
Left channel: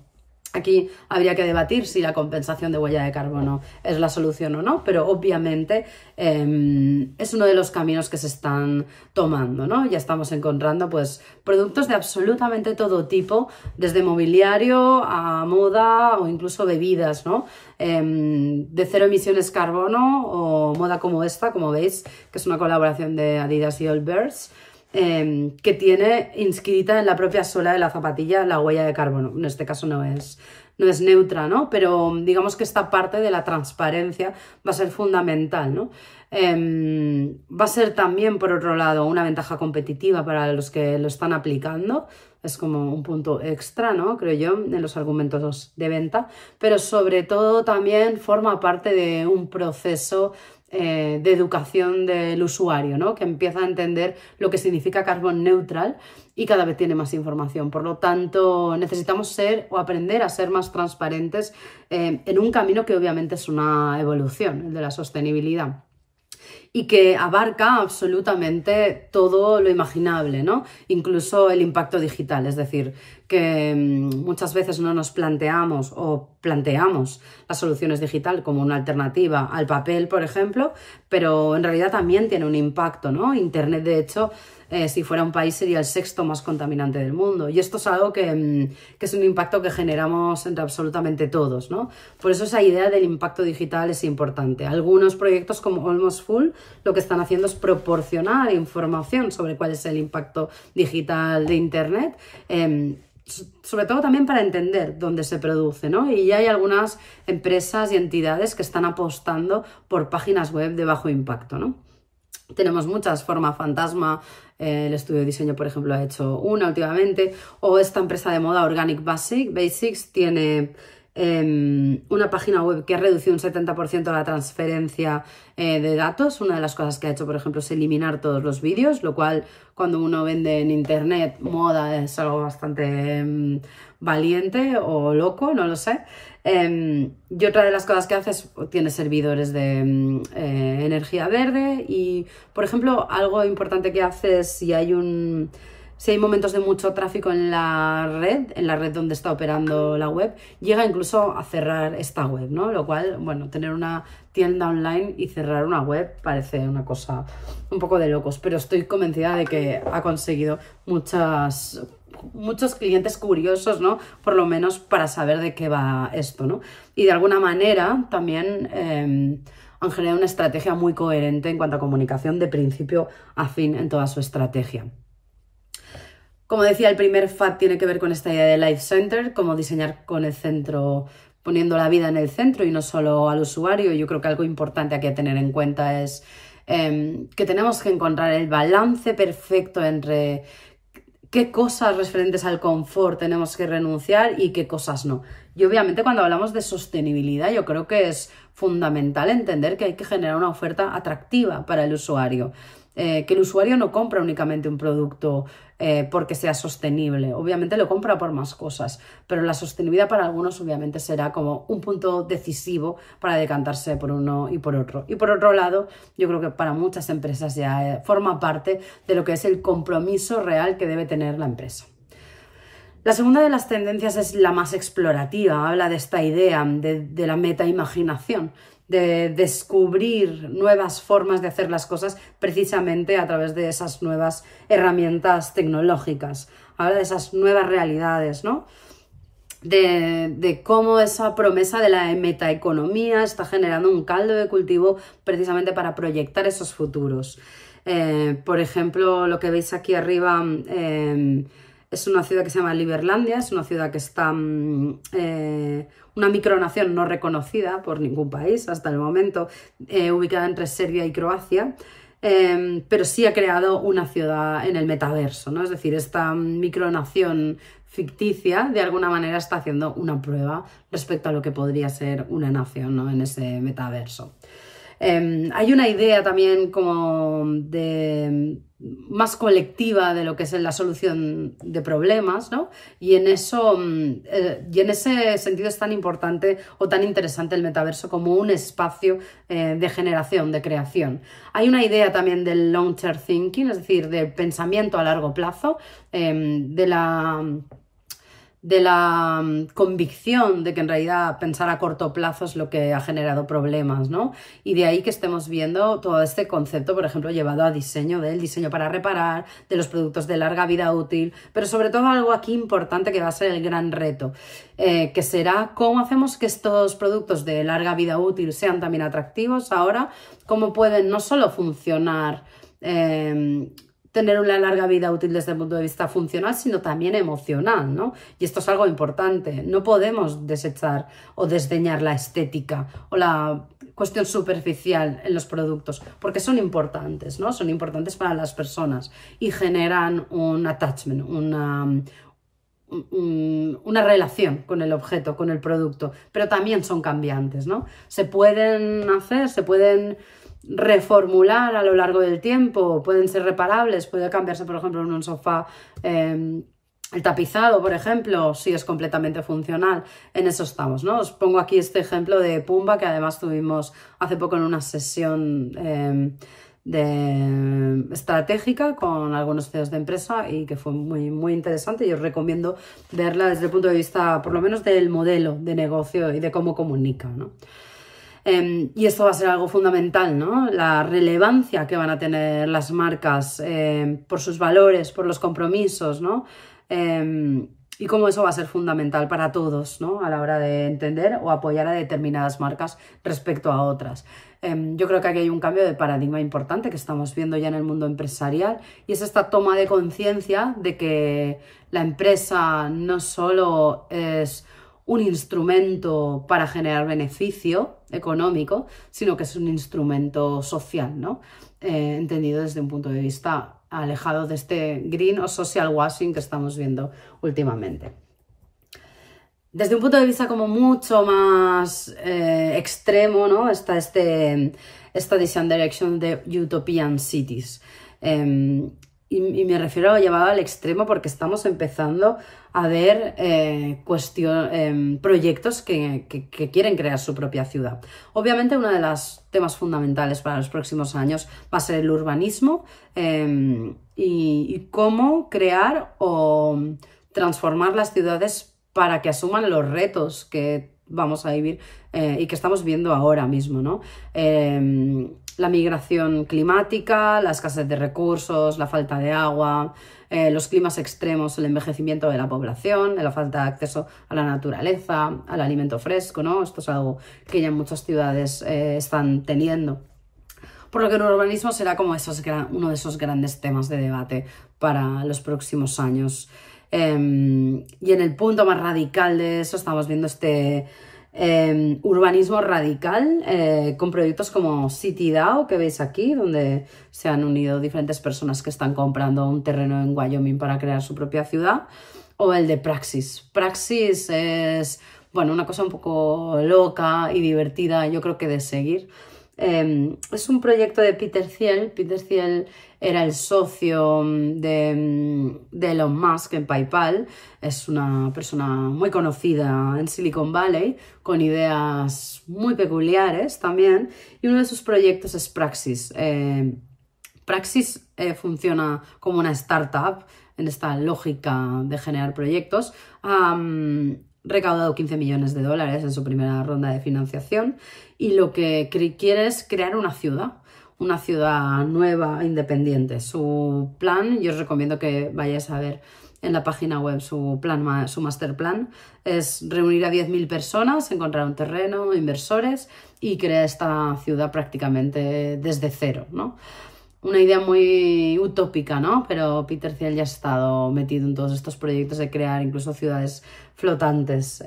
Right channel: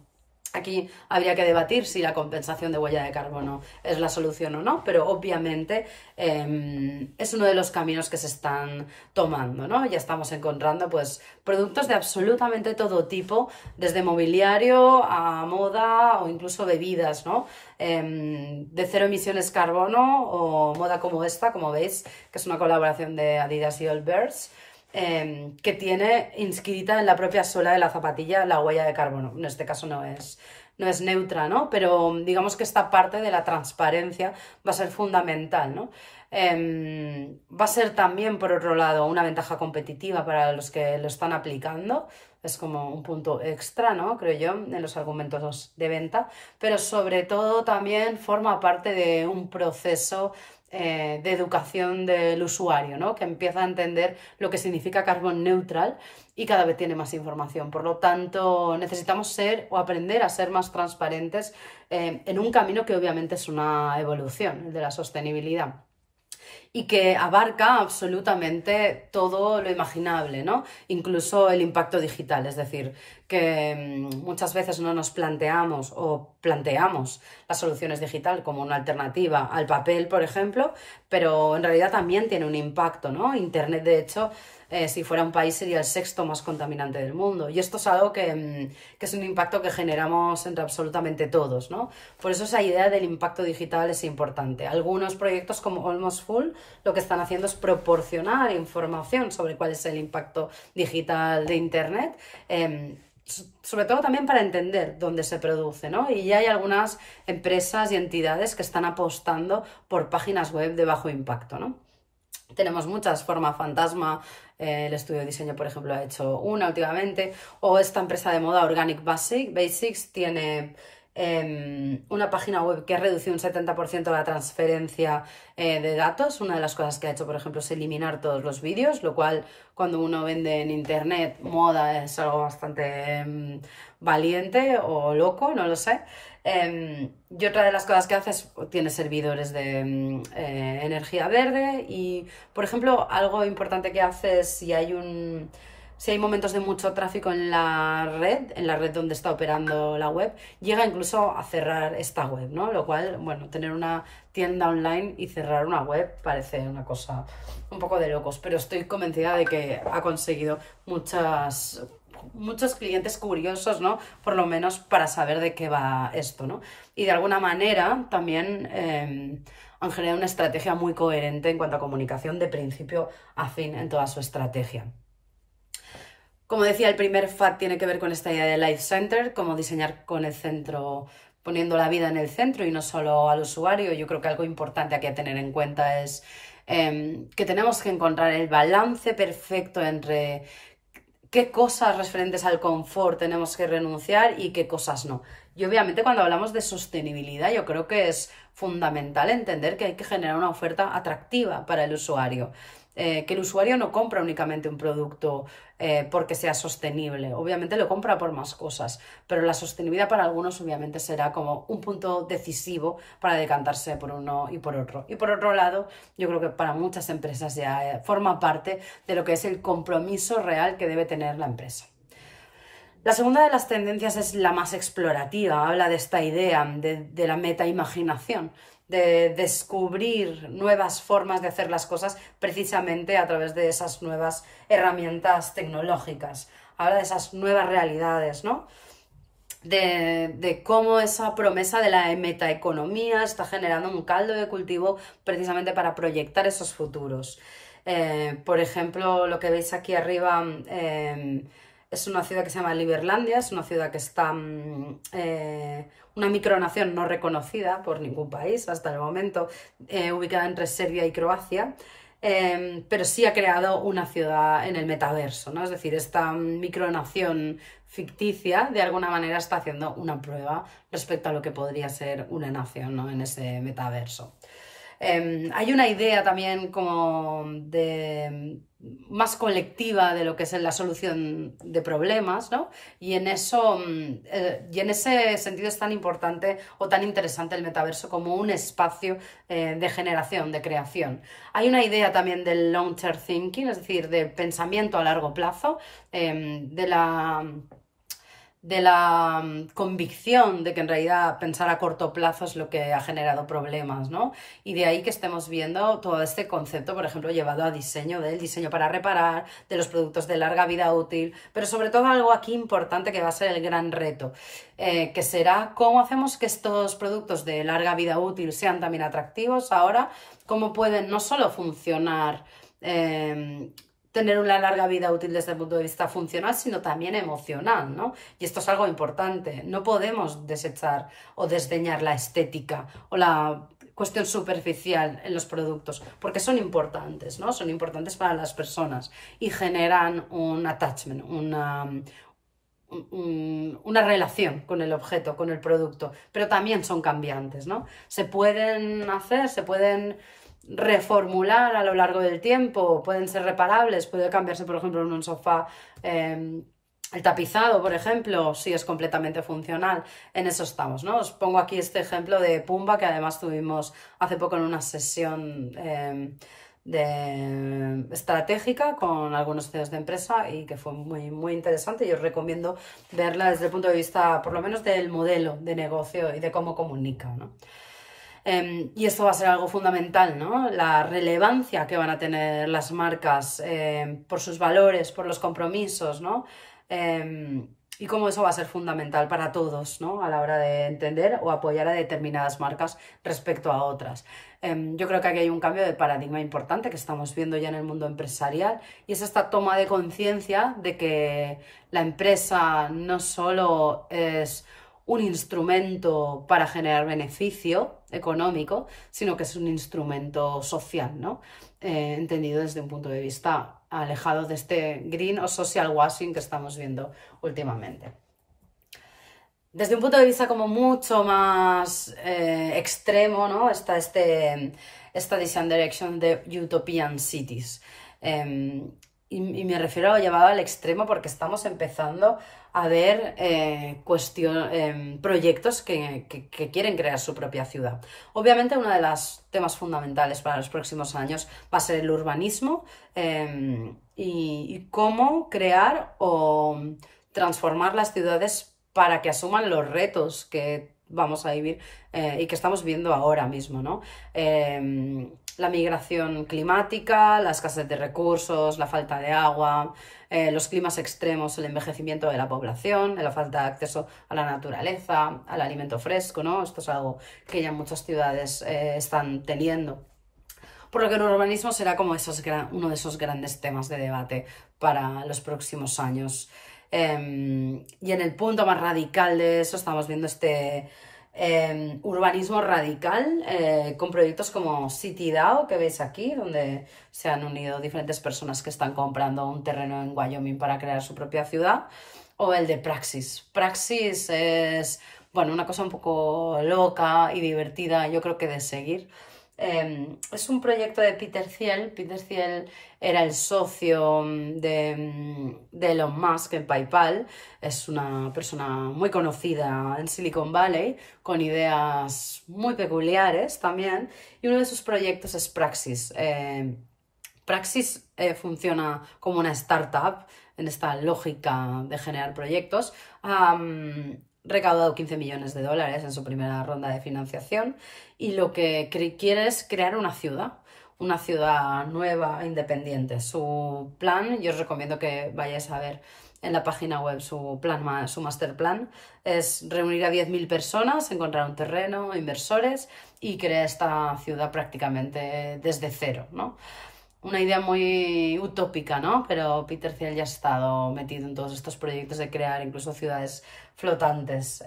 Aquí habría que debatir si la compensación de huella de carbono es la solución o no, pero obviamente es uno de los caminos que se están tomando, ¿no? Ya estamos encontrando pues productos de absolutamente todo tipo, desde mobiliario a moda o incluso bebidas, ¿no? De cero emisiones carbono o moda como esta, como veis, que es una colaboración de Adidas y Allbirds, que tiene inscrita en la propia suela de la zapatilla la huella de carbono. En este caso no es neutra, ¿no? Pero digamos que esta parte de la transparencia va a ser fundamental, ¿no? Va a ser también, por otro lado, una ventaja competitiva para los que lo están aplicando. Es como un punto extra, ¿no? Creo yo, en los argumentos de venta, pero sobre todo también forma parte de un proceso de educación del usuario, ¿no? Que empieza a entender lo que significa carbon neutral y cada vez tiene más información. Por lo tanto, necesitamos ser o aprender a ser más transparentes en un camino que obviamente es una evolución, el de la sostenibilidad. y que abarca absolutamente todo lo imaginable, ¿no? Incluso el impacto digital, es decir, que muchas veces no nos planteamos o planteamos las soluciones digitales como una alternativa al papel, por ejemplo, pero en realidad también tiene un impacto, ¿no? Internet, de hecho, si fuera un país sería el sexto más contaminante del mundo. Y esto es algo que es un impacto que generamos entre absolutamente todos, ¿no? Por eso esa idea del impacto digital es importante. Algunos proyectos como Almost Full lo que están haciendo es proporcionar información sobre cuál es el impacto digital de Internet, sobre todo también para entender dónde se produce, ¿no? Y ya hay algunas empresas y entidades que están apostando por páginas web de bajo impacto, ¿no? Tenemos muchas, Forma Fantasma, el estudio de diseño, por ejemplo, ha hecho una últimamente, o esta empresa de moda Organic Basics tiene una página web que ha reducido un 70% la transferencia de datos. Una de las cosas que ha hecho, por ejemplo, es eliminar todos los vídeos, lo cual cuando uno vende en internet moda es algo bastante valiente o loco, no lo sé. Y otra de las cosas que hace es, tiene servidores de energía verde y, por ejemplo, algo importante que hace es si hay momentos de mucho tráfico en la red donde está operando la web, llega incluso a cerrar esta web, ¿no? Lo cual, bueno, tener una tienda online y cerrar una web parece una cosa un poco de locos, pero estoy convencida de que ha conseguido muchos clientes curiosos, ¿no? Por lo menos para saber de qué va esto, ¿no? Y de alguna manera también han generado una estrategia muy coherente en cuanto a comunicación de principio a fin en toda su estrategia. Como decía, el primer FAT tiene que ver con esta idea de Life Center, cómo diseñar con el centro, poniendo la vida en el centro y no solo al usuario. Yo creo que algo importante aquí a tener en cuenta es que tenemos que encontrar el balance perfecto entre qué cosas referentes al confort tenemos que renunciar y qué cosas no. Y obviamente cuando hablamos de sostenibilidad yo creo que es fundamental entender que hay que generar una oferta atractiva para el usuario. Que el usuario no compra únicamente un producto porque sea sostenible, obviamente lo compra por más cosas, pero la sostenibilidad para algunos obviamente será como un punto decisivo para decantarse por uno y por otro. Y por otro lado, yo creo que para muchas empresas ya forma parte de lo que es el compromiso real que debe tener la empresa. La segunda de las tendencias es la más explorativa, habla de esta idea de la metaimaginación, de descubrir nuevas formas de hacer las cosas precisamente a través de esas nuevas herramientas tecnológicas. Habla de esas nuevas realidades, ¿no? De cómo esa promesa de la metaeconomía está generando un caldo de cultivo precisamente para proyectar esos futuros. Por ejemplo, lo que veis aquí arriba es una ciudad que se llama Liberlandia, es una ciudad que está... una micronación no reconocida por ningún país hasta el momento, ubicada entre Serbia y Croacia, pero sí ha creado una ciudad en el metaverso, ¿no? Es decir, esta micronación ficticia de alguna manera está haciendo una prueba respecto a lo que podría ser una nación, ¿no? En ese metaverso. Hay una idea también como de más colectiva de lo que es la solución de problemas, ¿no? Y en ese sentido es tan importante o tan interesante el metaverso como un espacio de generación, de creación. Hay una idea también del long-term thinking, es decir, de pensamiento a largo plazo, de la convicción de que en realidad pensar a corto plazo es lo que ha generado problemas, ¿no? Y de ahí que estemos viendo todo este concepto, por ejemplo, llevado a diseño, del diseño para reparar, de los productos de larga vida útil, pero sobre todo algo aquí importante que va a ser el gran reto, que será cómo hacemos que estos productos de larga vida útil sean también atractivos ahora, cómo pueden no solo funcionar, tener una larga vida útil desde el punto de vista funcional, sino también emocional, ¿no? Y esto es algo importante. No podemos desechar o desdeñar la estética o la cuestión superficial en los productos, porque son importantes, ¿no? Son importantes para las personas y generan un attachment, una relación con el objeto, con el producto, pero también son cambiantes, ¿no? Se pueden reformular a lo largo del tiempo, pueden ser reparables, puede cambiarse, por ejemplo, en un sofá el tapizado, por ejemplo, si es completamente funcional. En eso estamos, ¿no? Os pongo aquí este ejemplo de Pumba, que además tuvimos hace poco en una sesión estratégica con algunos CEOs de empresa y que fue muy interesante, y os recomiendo verla desde el punto de vista por lo menos del modelo de negocio y de cómo comunica, ¿no? Y esto va a ser algo fundamental, ¿no? La relevancia que van a tener las marcas por sus valores, por los compromisos, ¿no? Y cómo eso va a ser fundamental para todos, ¿no? A la hora de entender o apoyar a determinadas marcas respecto a otras. Yo creo que aquí hay un cambio de paradigma importante que estamos viendo ya en el mundo empresarial, y es esta toma de conciencia de que la empresa no solo es un instrumento para generar beneficio económico, sino que es un instrumento social, ¿no? Entendido desde un punto de vista alejado de este green o social washing que estamos viendo últimamente. Desde un punto de vista como mucho más extremo, ¿no? Está esta Design Direction de Utopian Cities. Y me refiero a llevado al extremo porque estamos empezando a ver proyectos que quieren crear su propia ciudad. Obviamente uno de los temas fundamentales para los próximos años va a ser el urbanismo y cómo crear o transformar las ciudades para que asuman los retos que vamos a vivir y que estamos viendo ahora mismo, ¿no? La migración climática, la escasez de recursos, la falta de agua, los climas extremos, el envejecimiento de la población, la falta de acceso a la naturaleza, al alimento fresco, ¿no? Esto es algo que ya muchas ciudades están teniendo. Por lo que el urbanismo será como uno de esos grandes temas de debate para los próximos años. Y en el punto más radical de eso estamos viendo este urbanismo radical con proyectos como CityDAO, que veis aquí, donde se han unido diferentes personas que están comprando un terreno en Wyoming para crear su propia ciudad, o el de Praxis. Praxis es, bueno, una cosa un poco loca y divertida, yo creo que de seguir. Es un proyecto de Peter Thiel. Peter Thiel era el socio de Elon Musk en PayPal. Es una persona muy conocida en Silicon Valley, con ideas muy peculiares también, y uno de sus proyectos es Praxis. Praxis funciona como una startup en esta lógica de generar proyectos. Ha recaudado $15 millones en su primera ronda de financiación, y lo que quiere es crear una ciudad nueva, independiente. Su plan, yo os recomiendo que vayáis a ver en la página web su master plan, es reunir a 10.000 personas, encontrar un terreno, inversores, y crear esta ciudad prácticamente desde cero, ¿no? Una idea muy utópica, ¿no? Pero Peter Thiel ya ha estado metido en todos estos proyectos de crear incluso ciudades flotantes.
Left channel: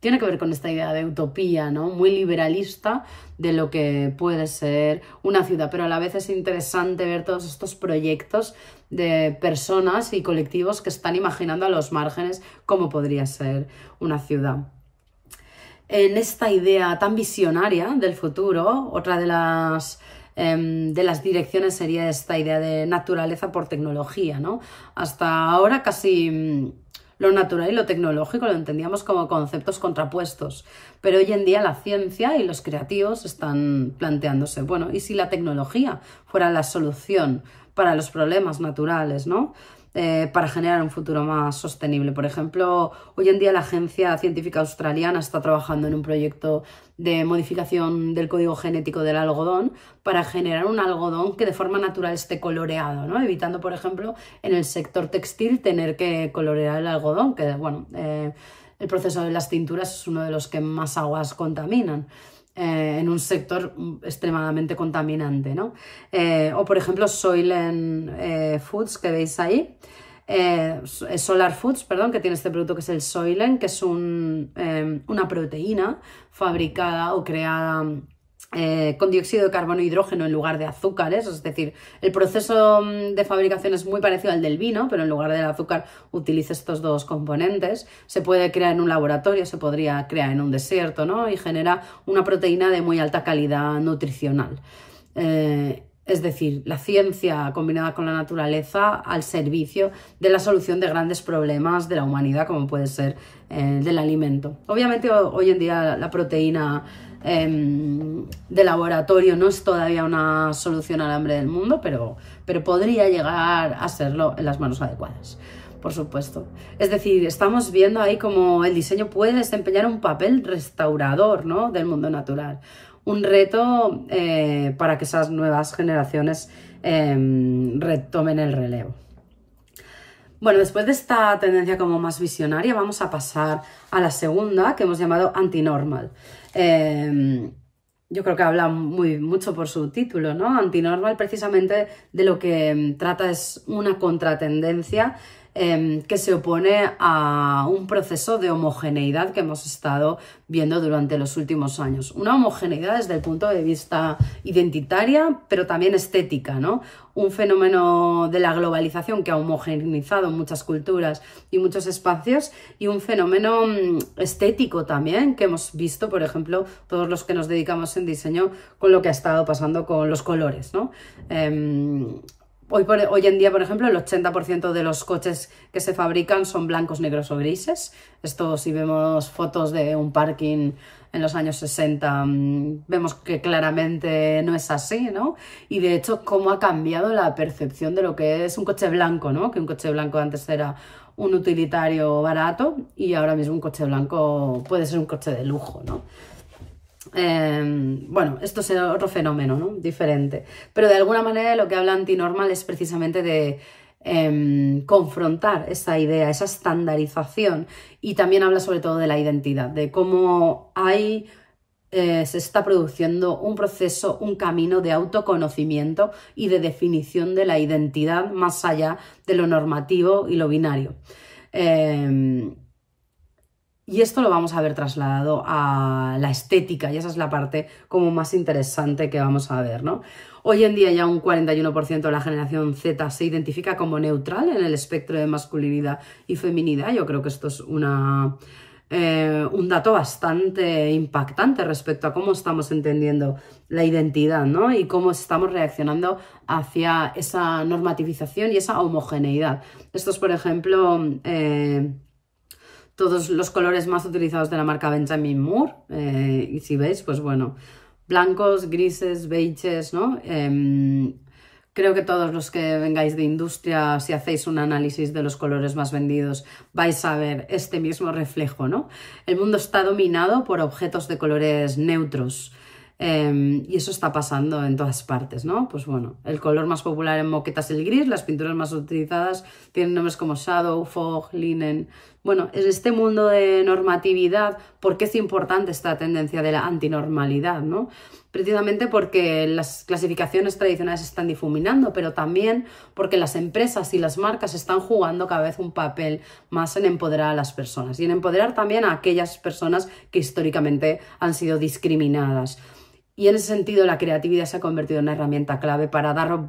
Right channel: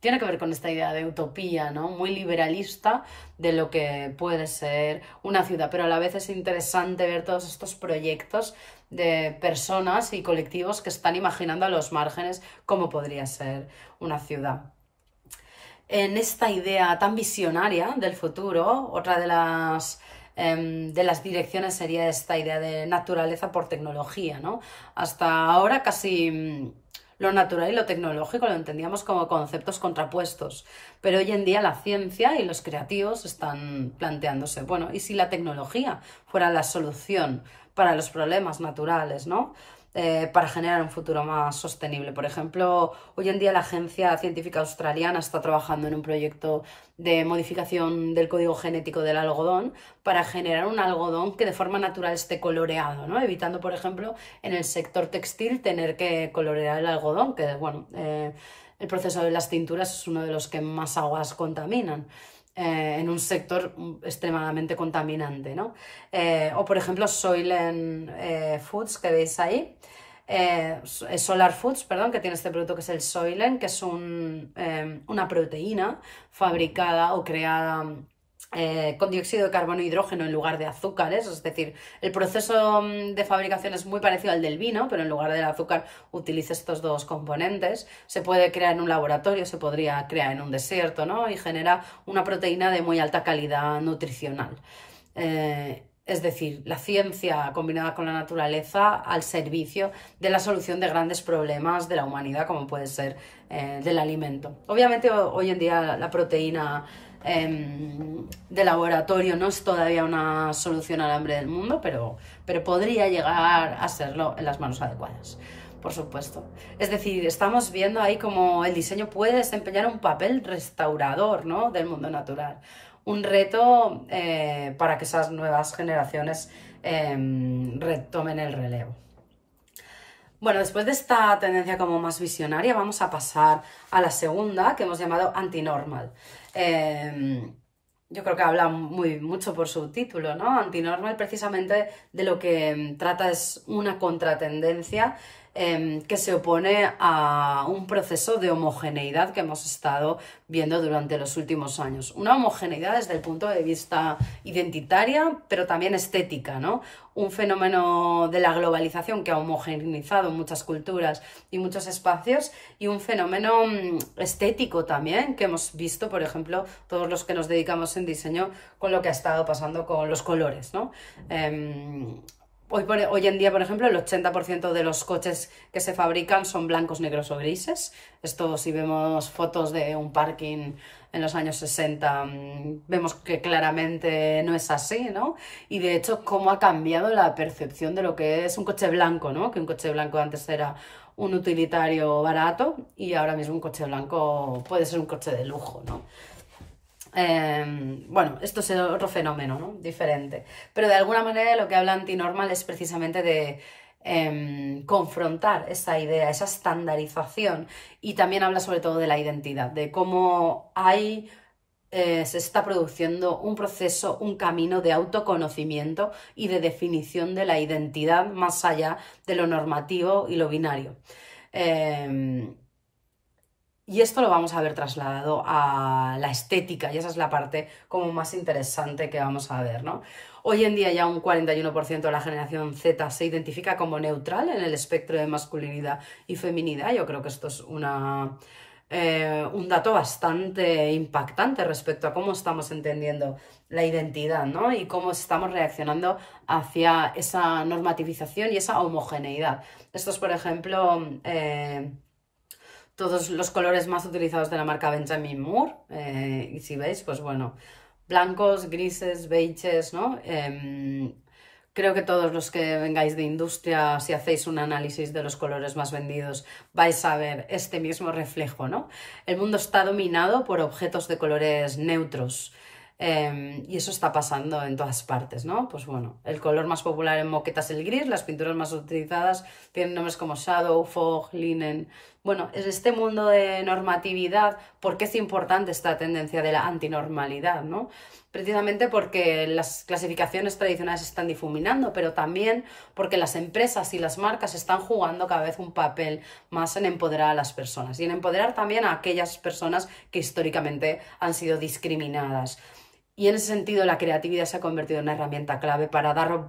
Tiene que ver con esta idea de utopía, ¿no? Muy liberalista de lo que puede ser una ciudad, pero a la vez es interesante ver todos estos proyectos de personas y colectivos que están imaginando a los márgenes cómo podría ser una ciudad. En esta idea tan visionaria del futuro, otra de las direcciones sería esta idea de naturaleza por tecnología, ¿no? Hasta ahora casi lo natural y lo tecnológico lo entendíamos como conceptos contrapuestos, pero hoy en día la ciencia y los creativos están planteándose, bueno, ¿y si la tecnología fuera la solución para los problemas naturales, ¿no? Para generar un futuro más sostenible? Por ejemplo, hoy en día la Agencia Científica Australiana está trabajando en un proyecto de modificación del código genético del algodón para generar un algodón que de forma natural esté coloreado, ¿no? Evitando, por ejemplo, en el sector textil tener que colorear el algodón, que, bueno, el proceso de las tinturas es uno de los que más aguas contaminan. En un sector extremadamente contaminante, ¿no? O por ejemplo Soylent Foods, que veis ahí, Solar Foods, perdón, que tiene este producto que es el Soylent, que es una proteína fabricada o creada con dióxido de carbono e hidrógeno en lugar de azúcares. Es decir, el proceso de fabricación es muy parecido al del vino, pero en lugar del azúcar utiliza estos dos componentes. Se puede crear en un laboratorio, se podría crear en un desierto, ¿no? Y genera una proteína de muy alta calidad nutricional. Es decir, la ciencia combinada con la naturaleza al servicio de la solución de grandes problemas de la humanidad, como puede ser del alimento. Obviamente hoy en día la proteína de laboratorio no es todavía una solución al hambre del mundo, pero podría llegar a serlo en las manos adecuadas, por supuesto. Es decir, estamos viendo ahí cómo el diseño puede desempeñar un papel restaurador, ¿no?, del mundo natural. Un reto para que esas nuevas generaciones retomen el relevo. Bueno, después de esta tendencia como más visionaria, vamos a pasar a la segunda, que hemos llamado antinormal. Yo creo que habla mucho por su título, ¿no? Antinormal, precisamente de lo que trata es una contratendencia que se opone a un proceso de homogeneidad que hemos estado viendo durante los últimos años. Una homogeneidad desde el punto de vista identitaria, pero también estética, ¿no? Un fenómeno de la globalización que ha homogeneizado muchas culturas y muchos espacios, y un fenómeno estético también que hemos visto, por ejemplo, todos los que nos dedicamos en diseño, con lo que ha estado pasando con los colores, ¿no? Hoy en día, por ejemplo, el 80% de los coches que se fabrican son blancos, negros o grises. Esto, si vemos fotos de un parking en los años 60, vemos que claramente no es así, ¿no? Y de hecho, cómo ha cambiado la percepción de lo que es un coche blanco, ¿no? Que un coche blanco antes era un utilitario barato y ahora mismo un coche blanco puede ser un coche de lujo, ¿no? Bueno, esto es otro fenómeno, ¿no?, diferente, pero de alguna manera lo que habla Antinormal es precisamente de confrontar esa idea, esa estandarización, y también habla sobre todo de la identidad, de cómo se está produciendo un proceso, un camino de autoconocimiento y de definición de la identidad más allá de lo normativo y lo binario. Y esto lo vamos a ver trasladado a la estética, y esa es la parte como más interesante que vamos a ver, ¿no? Hoy en día ya un 41% de la generación Z se identifica como neutral en el espectro de masculinidad y feminidad. Yo creo que esto es un dato bastante impactante respecto a cómo estamos entendiendo la identidad, ¿no? Y cómo estamos reaccionando hacia esa normativización y esa homogeneidad. Esto es, por ejemplo, todos los colores más utilizados de la marca Benjamin Moore, y si veis, pues bueno, blancos, grises, beiges, ¿no? Creo que todos los que vengáis de industria, si hacéis un análisis de los colores más vendidos, vais a ver este mismo reflejo, ¿no? El mundo está dominado por objetos de colores neutros, y eso está pasando en todas partes, ¿no? Pues bueno, el color más popular en moquetas es el gris, las pinturas más utilizadas tienen nombres como shadow, fog, linen. Bueno, en este mundo de normatividad, ¿por qué es importante esta tendencia de la antinormalidad, ¿no? Precisamente porque las clasificaciones tradicionales se están difuminando, pero también porque las empresas y las marcas están jugando cada vez un papel más en empoderar a las personas y en empoderar también a aquellas personas que históricamente han sido discriminadas. Y en ese sentido la creatividad se ha convertido en una herramienta clave para dar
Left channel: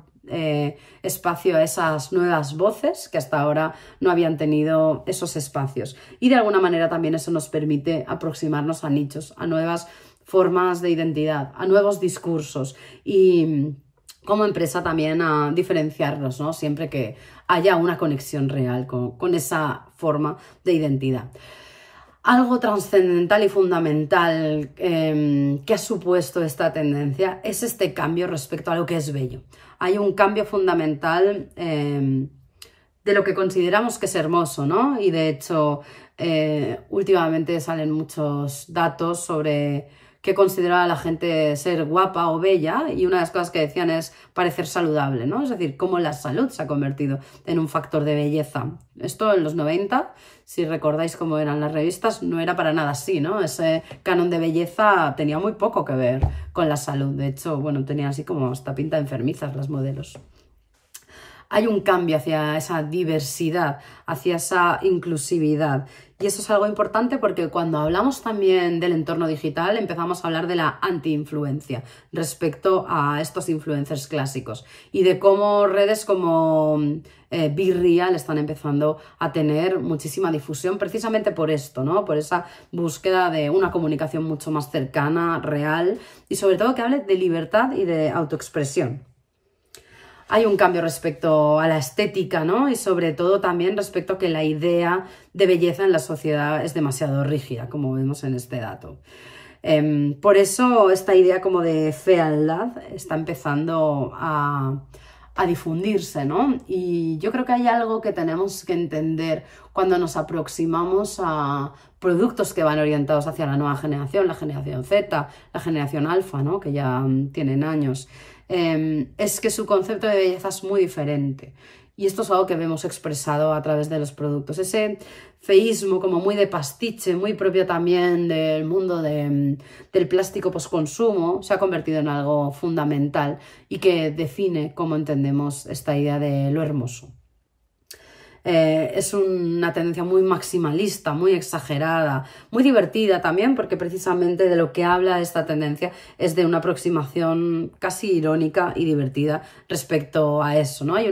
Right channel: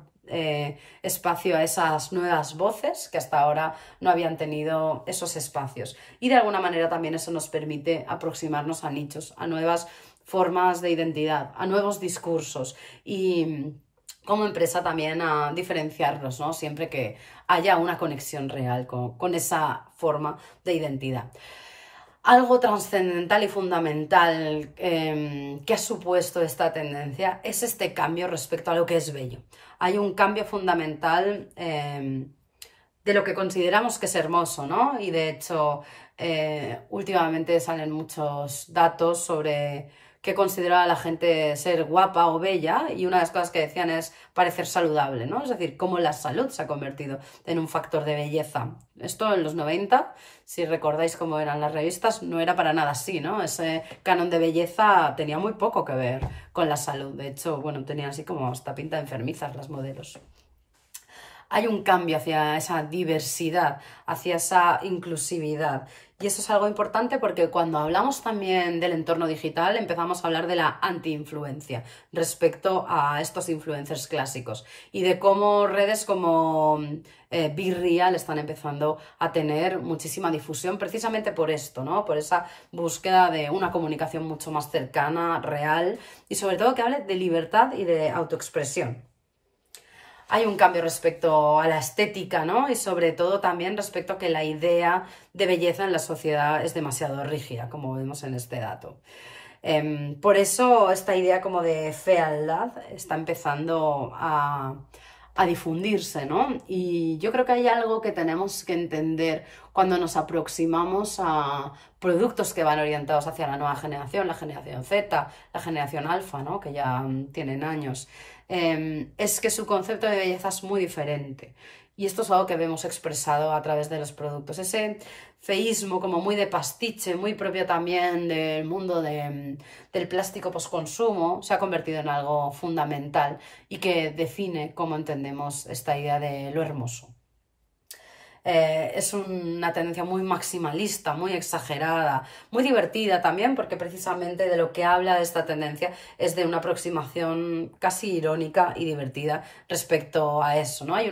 espacio a esas nuevas voces que hasta ahora no habían tenido esos espacios. Y de alguna manera también eso nos permite aproximarnos a nichos, a nuevas formas de identidad, a nuevos discursos y como empresa también a diferenciarnos, ¿no? Siempre que haya una conexión real con esa forma de identidad. Algo trascendental y fundamental que ha supuesto esta tendencia es este cambio respecto a lo que es bello. Hay un cambio fundamental de lo que consideramos que es hermoso, ¿no? Y de hecho, últimamente salen muchos datos sobre qué consideraba la gente ser guapa o bella, y una de las cosas que decían es parecer saludable, ¿no? Es decir, cómo la salud se ha convertido en un factor de belleza. Esto en los 90... si recordáis cómo eran las revistas, no era para nada así, ¿no? Ese canon de belleza tenía muy poco que ver con la salud. De hecho, bueno, tenían así como hasta pinta de enfermizas las modelos. Hay un cambio hacia esa diversidad, hacia esa inclusividad. Y eso es algo importante porque cuando hablamos también del entorno digital empezamos a hablar de la anti-influencia respecto a estos influencers clásicos y de cómo redes como Be Real están empezando a tener muchísima difusión precisamente por esto, ¿no? Por esa búsqueda de una comunicación mucho más cercana, real y sobre todo que hable de libertad y de autoexpresión. Hay un cambio respecto a la estética, ¿no? Y sobre todo también respecto a que la idea de belleza en la sociedad es demasiado rígida, como vemos en este dato. Por eso esta idea como de fealdad está empezando a difundirse, ¿no? Y yo creo que hay algo que tenemos que entender cuando nos aproximamos a productos que van orientados hacia la nueva generación, la generación Z, la generación alfa, ¿no? Que ya tienen años. Es que su concepto de belleza es muy diferente. Y esto es algo que vemos expresado a través de los productos. Ese feísmo como muy de pastiche, muy propio también del mundo del plástico postconsumo, se ha convertido en algo fundamental y que define cómo entendemos esta idea de lo hermoso. Es una tendencia muy maximalista, muy exagerada, muy divertida también, porque precisamente de lo que habla esta tendencia es de una aproximación casi irónica y divertida respecto a eso, ¿no? Hay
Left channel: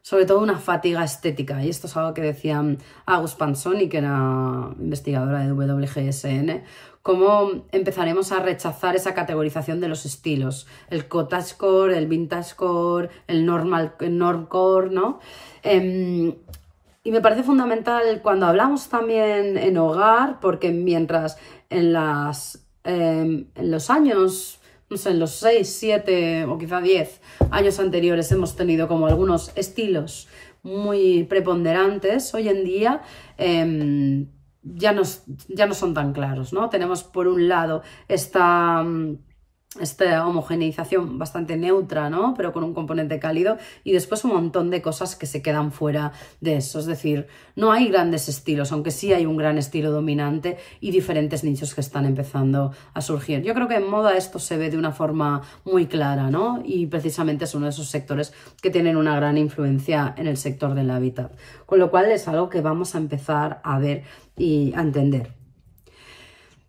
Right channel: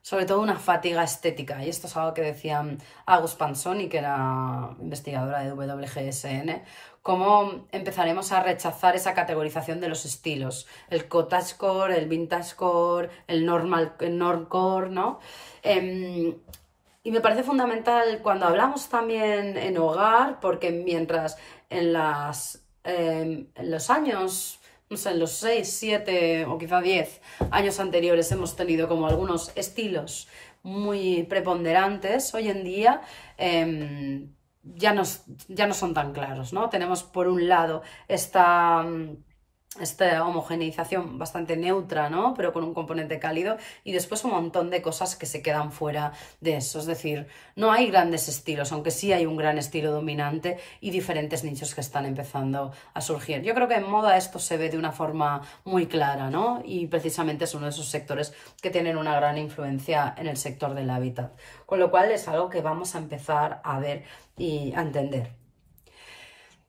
sobre todo una fatiga estética, y esto es algo que decía August Pansoni, que era investigadora de WGSN, cómo empezaremos a rechazar esa categorización de los estilos, el cottagecore, el vintagecore, el normcore, ¿no? Y me parece fundamental cuando hablamos también en hogar, porque mientras en los años, no sé, en los 6, 7 o quizá 10 años anteriores hemos tenido como algunos estilos muy preponderantes, hoy en día ya no son tan claros, ¿no? Tenemos por un lado esta homogeneización bastante neutra, ¿no? Pero con un componente cálido, y después un montón de cosas que se quedan fuera de eso. Es decir, no hay grandes estilos, aunque sí hay un gran estilo dominante y diferentes nichos que están empezando a surgir. Yo creo que en moda esto se ve de una forma muy clara, ¿no? Y precisamente es uno de esos sectores que tienen una gran influencia en el sector del hábitat. Con lo cual es algo que vamos a empezar a ver y a entender.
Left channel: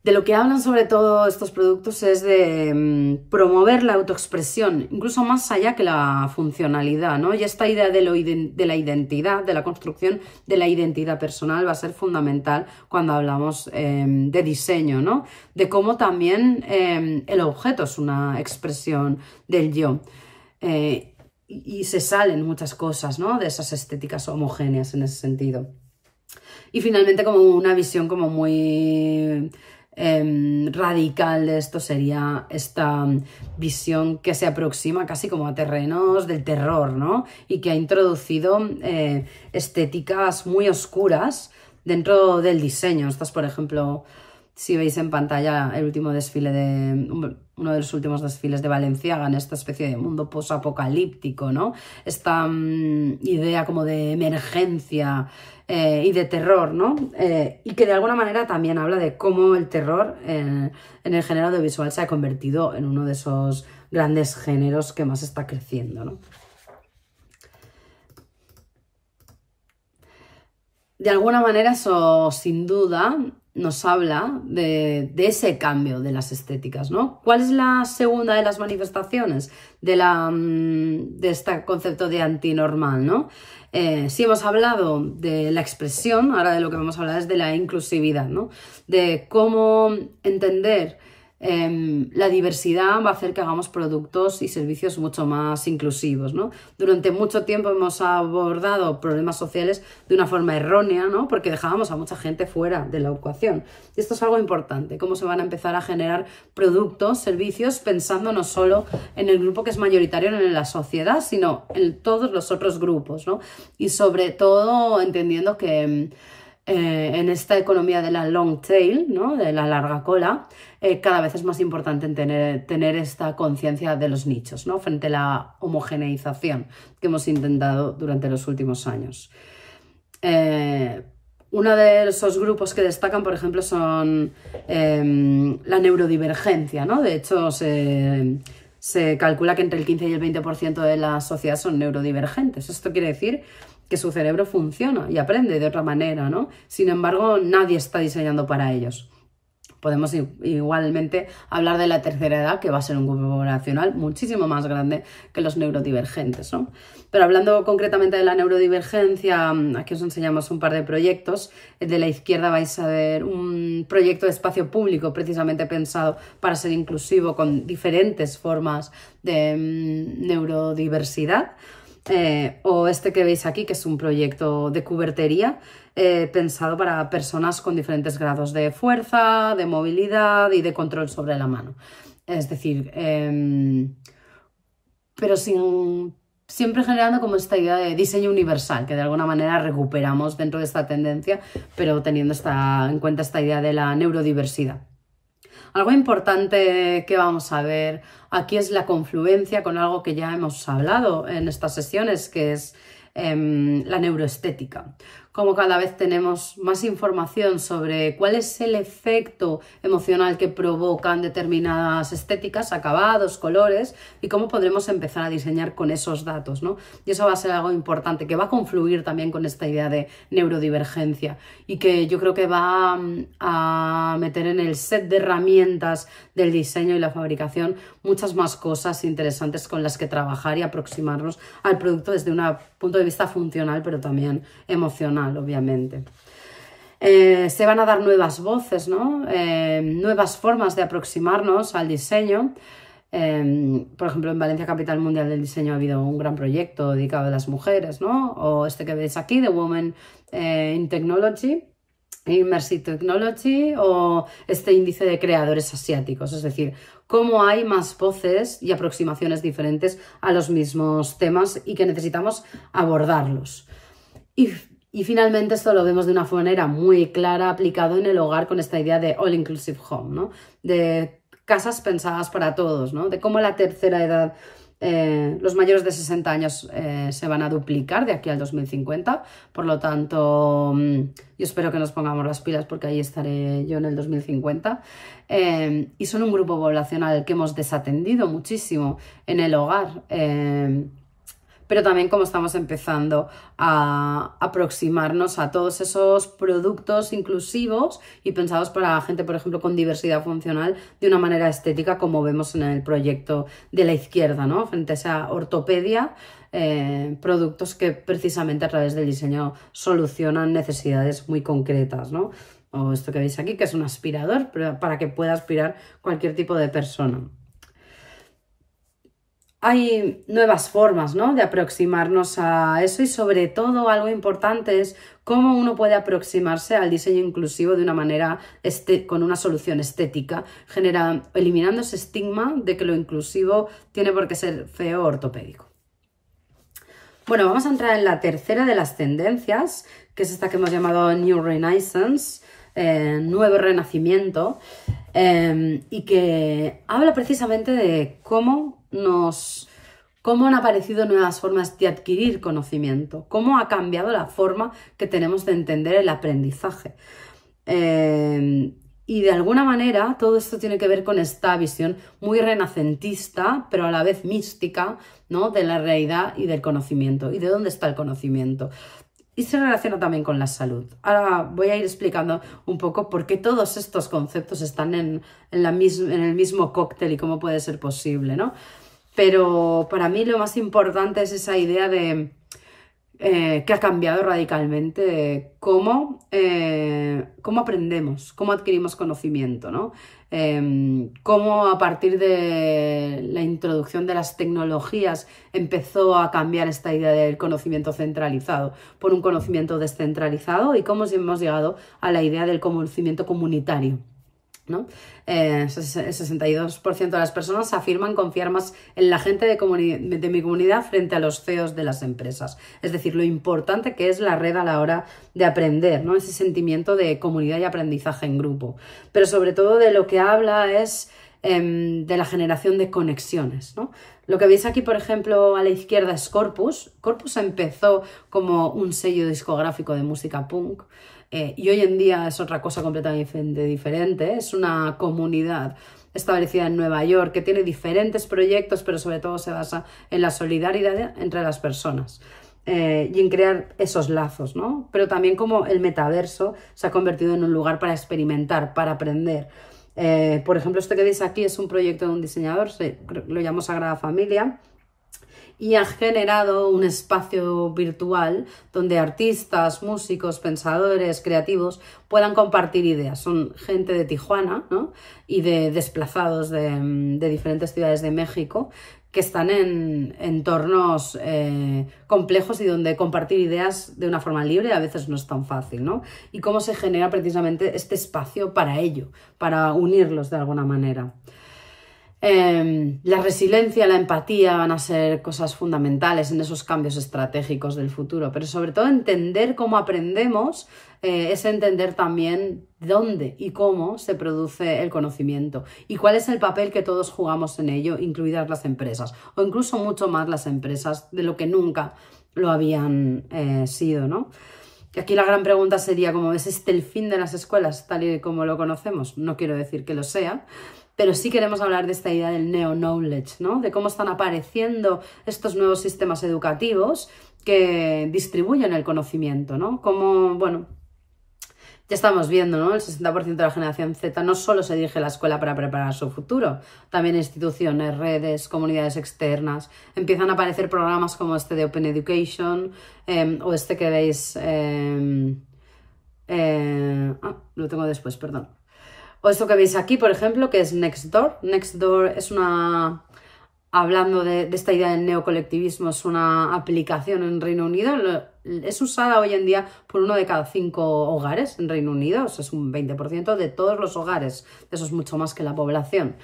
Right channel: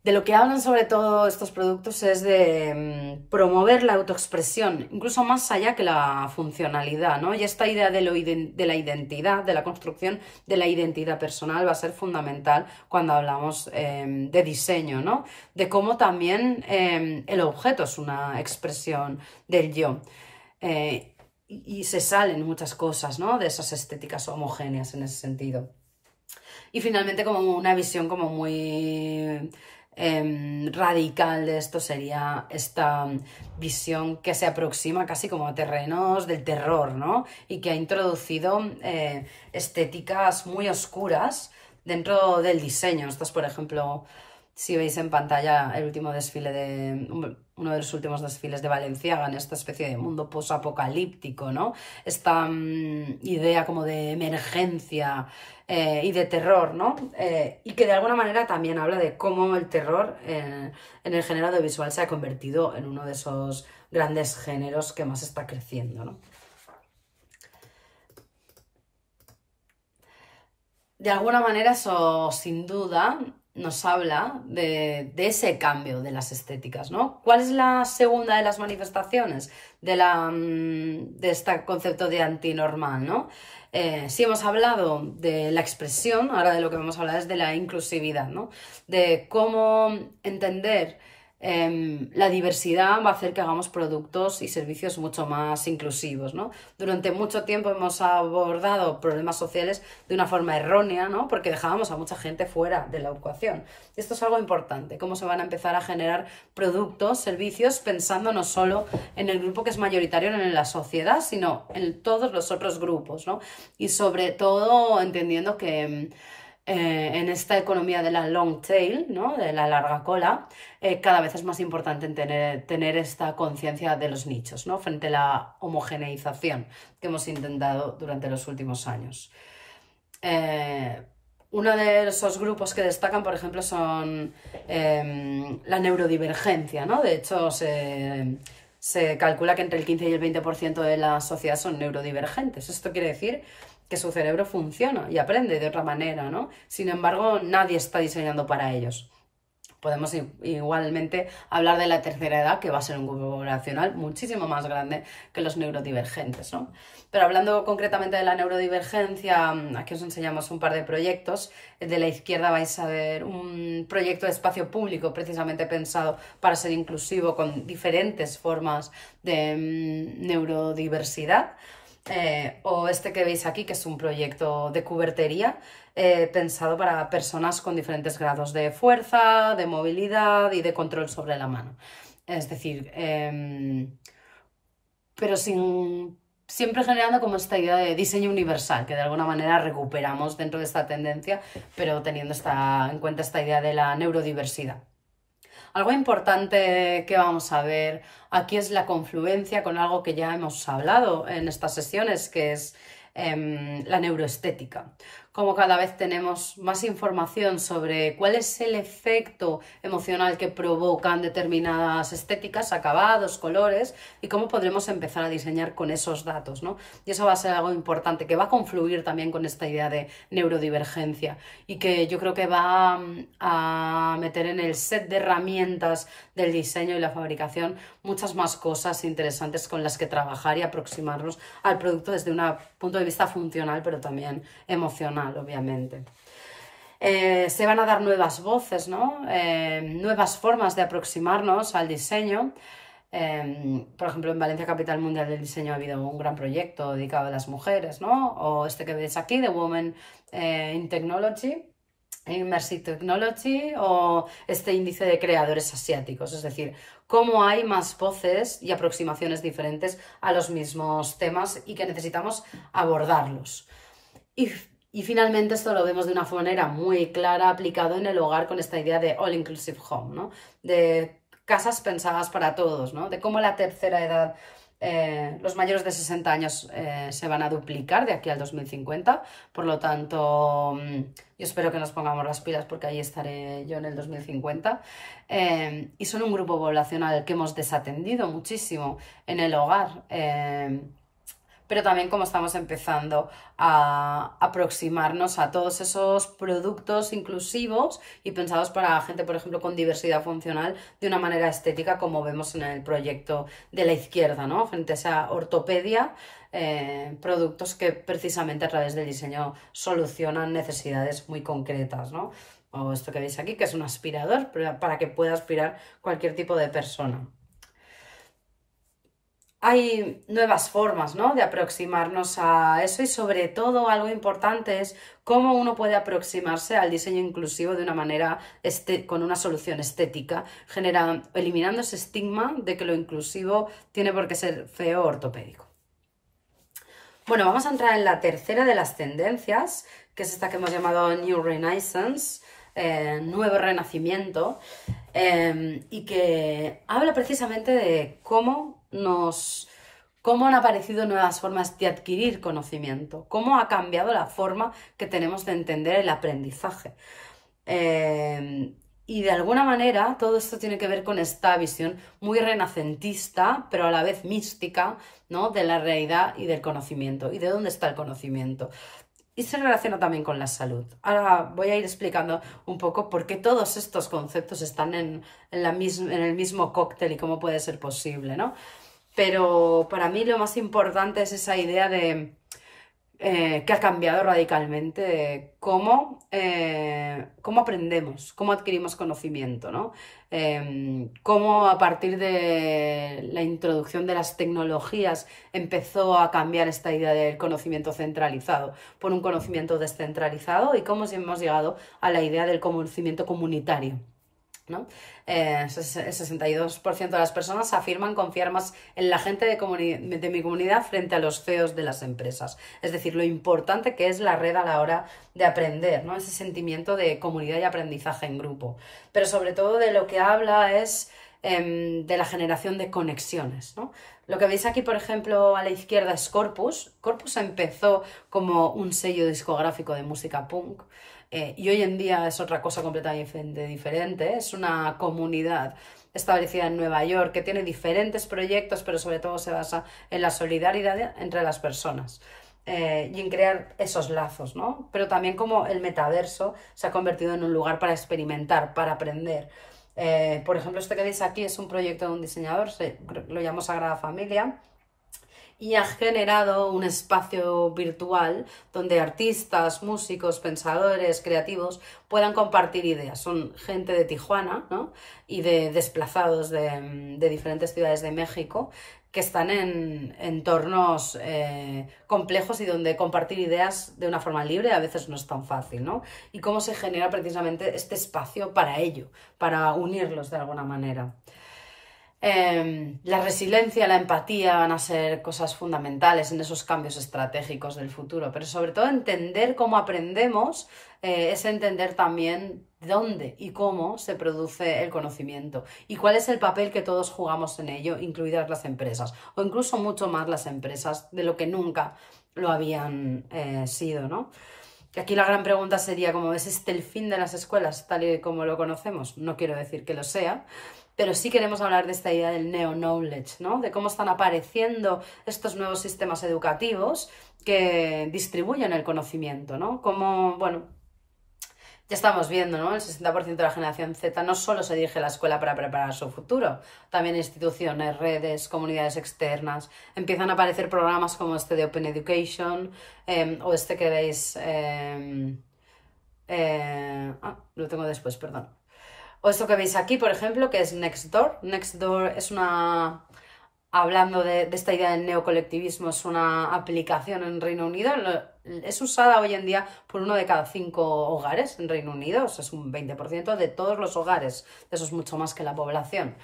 De lo que hablan sobre todo estos productos es de promover la autoexpresión, incluso más allá que la funcionalidad, ¿no? Y esta idea de la identidad, de la construcción de la identidad personal va a ser fundamental cuando hablamos de diseño, ¿no? De cómo también el objeto es una expresión del yo. Y se salen muchas cosas, ¿no? De esas estéticas homogéneas en ese sentido. Y finalmente como una visión como muy radical de esto sería esta visión que se aproxima casi como a terrenos del terror, ¿no? Y que ha introducido estéticas muy oscuras dentro del diseño. Esto es, por ejemplo, si veis en pantalla el último desfile uno de los últimos desfiles de Balenciaga, en esta especie de mundo posapocalíptico, ¿no? Esta idea como de emergencia y de terror, ¿no? Y que de alguna manera también habla de cómo el terror en el género audiovisual se ha convertido en uno de esos grandes géneros que más está creciendo, ¿no? De alguna manera eso sin duda nos habla de ese cambio de las estéticas, ¿no? ¿Cuál es la segunda de las manifestaciones de este concepto de antinormal, ¿no? Si hemos hablado de la expresión, ahora de lo que vamos a hablar es de la inclusividad, ¿no? De cómo entender la diversidad va a hacer que hagamos productos y servicios mucho más inclusivos, ¿no? Durante mucho tiempo hemos abordado problemas sociales de una forma errónea, ¿no? Porque dejábamos a mucha gente fuera de la ecuación. Y esto es algo importante, cómo se van a empezar a generar productos, servicios, pensando no solo en el grupo que es mayoritario en la sociedad, sino en todos los otros grupos, ¿no? Y sobre todo entendiendo que en esta economía de la long tail, ¿no? De la larga cola, cada vez es más importante tener esta conciencia de los nichos, ¿no? Frente a la homogeneización que hemos intentado durante los últimos años. Uno de esos grupos que destacan, por ejemplo, son la neurodivergencia, ¿no? De hecho, se calcula que entre el 15 y el 20% de la sociedad son neurodivergentes. Esto quiere decir que su cerebro funciona y aprende de otra manera, ¿no? Sin embargo, nadie está diseñando para ellos. Podemos igualmente hablar de la tercera edad, que va a ser un grupo poblacional muchísimo más grande que los neurodivergentes, ¿no? Pero hablando concretamente de la neurodivergencia, aquí os enseñamos un par de proyectos. De la izquierda vais a ver un proyecto de espacio público precisamente pensado para ser inclusivo con diferentes formas de neurodiversidad. o este que veis aquí, que es un proyecto de cubertería pensado para personas con diferentes grados de fuerza, de movilidad y de control sobre la mano. Es decir, pero siempre generando como esta idea de diseño universal, que de alguna manera recuperamos dentro de esta tendencia, pero teniendo en cuenta esta idea de la neurodiversidad. Algo importante que vamos a ver aquí es la confluencia con algo que ya hemos hablado en estas sesiones, que es la neuroestética. Como cada vez tenemos más información sobre cuál es el efecto emocional que provocan determinadas estéticas, acabados, colores, y cómo podremos empezar a diseñar con esos datos, ¿no? Y eso va a ser algo importante, que va a confluir también con esta idea de neurodivergencia y que yo creo que va a meter en el set de herramientas del diseño y la fabricación muchas más cosas interesantes con las que trabajar y aproximarnos al producto desde un punto de vista funcional, pero también emocional, obviamente. Se van a dar nuevas voces, ¿no? Nuevas formas de aproximarnos al diseño. Por ejemplo, en Valencia, Capital Mundial del Diseño, ha habido un gran proyecto dedicado a las mujeres, ¿no? O este que veis aquí, The Women in Technology, Immersive Technology, o este índice de creadores asiáticos. Es decir, cómo hay más voces y aproximaciones diferentes a los mismos temas y que necesitamos abordarlos. Y finalmente esto lo vemos de una manera muy clara aplicado en el hogar con esta idea de All Inclusive Home, ¿no? De casas pensadas para todos, ¿no? De cómo la tercera edad, los mayores de 60 años se van a duplicar de aquí al 2050. Por lo tanto, yo espero que nos pongamos las pilas porque ahí estaré yo en el 2050. Y son un grupo poblacional que hemos desatendido muchísimo en el hogar. Pero también como estamos empezando a aproximarnos a todos esos productos inclusivos y pensados para gente, por ejemplo, con diversidad funcional de una manera estética, como vemos en el proyecto de la izquierda, ¿no? Frente a esa ortopedia, productos que precisamente a través del diseño solucionan necesidades muy concretas, ¿no? O esto que veis aquí, que es un aspirador, para que pueda aspirar cualquier tipo de persona. Hay nuevas formas, ¿no?, de aproximarnos a eso y sobre todo algo importante es cómo uno puede aproximarse al diseño inclusivo de una manera, con una solución estética, eliminando ese estigma de que lo inclusivo tiene por qué ser feo o ortopédico. Bueno, vamos a entrar en la tercera de las tendencias, que es esta que hemos llamado New Renaissance, nuevo renacimiento, y que habla precisamente de cómo han aparecido nuevas formas de adquirir conocimiento, cómo ha cambiado la forma que tenemos de entender el aprendizaje. Y de alguna manera todo esto tiene que ver con esta visión muy renacentista, pero a la vez mística, ¿no?, de la realidad y del conocimiento. ¿Y de dónde está el conocimiento? Y se relaciona también con la salud. Ahora voy a ir explicando un poco por qué todos estos conceptos están en el mismo cóctel y cómo puede ser posible, ¿no? Pero para mí lo más importante es esa idea de que ha cambiado radicalmente cómo aprendemos, cómo adquirimos conocimiento, ¿no? Cómo a partir de la introducción de las tecnologías empezó a cambiar esta idea del conocimiento centralizado por un conocimiento descentralizado y cómo hemos llegado a la idea del conocimiento comunitario, ¿no? El 62% de las personas afirman confiar más en la gente de mi comunidad frente a los CEOs de las empresas. Es decir, lo importante que es la red a la hora de aprender, ¿no? Ese sentimiento de comunidad y aprendizaje en grupo. Pero sobre todo de lo que habla es de la generación de conexiones, ¿no? Lo que veis aquí, por ejemplo, a la izquierda es Corpus. Corpus empezó como un sello discográfico de música punk. Y hoy en día es otra cosa completamente diferente. Es una comunidad establecida en Nueva York que tiene diferentes proyectos, pero sobre todo se basa en la solidaridad entre las personas y en crear esos lazos, ¿no? Pero también como el metaverso se ha convertido en un lugar para experimentar, para aprender. Por ejemplo, esto que veis aquí es un proyecto de un diseñador, lo llamo Sagrada Familia, y ha generado un espacio virtual donde artistas, músicos, pensadores, creativos puedan compartir ideas. Son gente de Tijuana, ¿no?, y de desplazados de diferentes ciudades de México que están en entornos complejos y donde compartir ideas de una forma libre a veces no es tan fácil, ¿no? Y cómo se genera precisamente este espacio para ello, para unirlos de alguna manera. La resiliencia, la empatía van a ser cosas fundamentales en esos cambios estratégicos del futuro, pero sobre todo entender cómo aprendemos es entender también dónde y cómo se produce el conocimiento y cuál es el papel que todos jugamos en ello, incluidas las empresas, o incluso mucho más las empresas de lo que nunca lo habían sido, ¿no? Y aquí la gran pregunta sería, ¿cómo ves el fin de las escuelas tal y como lo conocemos? No quiero decir que lo sea, pero sí queremos hablar de esta idea del neo-knowledge, ¿no? De cómo están apareciendo estos nuevos sistemas educativos que distribuyen el conocimiento, ¿no? Como, bueno, ya estamos viendo, ¿no? El 60% de la generación Z no solo se dirige a la escuela para preparar su futuro, también instituciones, redes, comunidades externas. Empiezan a aparecer programas como este de Open Education o este que veis... lo tengo después, perdón. O esto que veis aquí, por ejemplo, que es Nextdoor. Nextdoor es una... Hablando de esta idea del neocolectivismo, es una aplicación en Reino Unido. Es usada hoy en día por 1 de cada 5 hogares en Reino Unido. O sea, es un 20% de todos los hogares. Eso es mucho más que la población.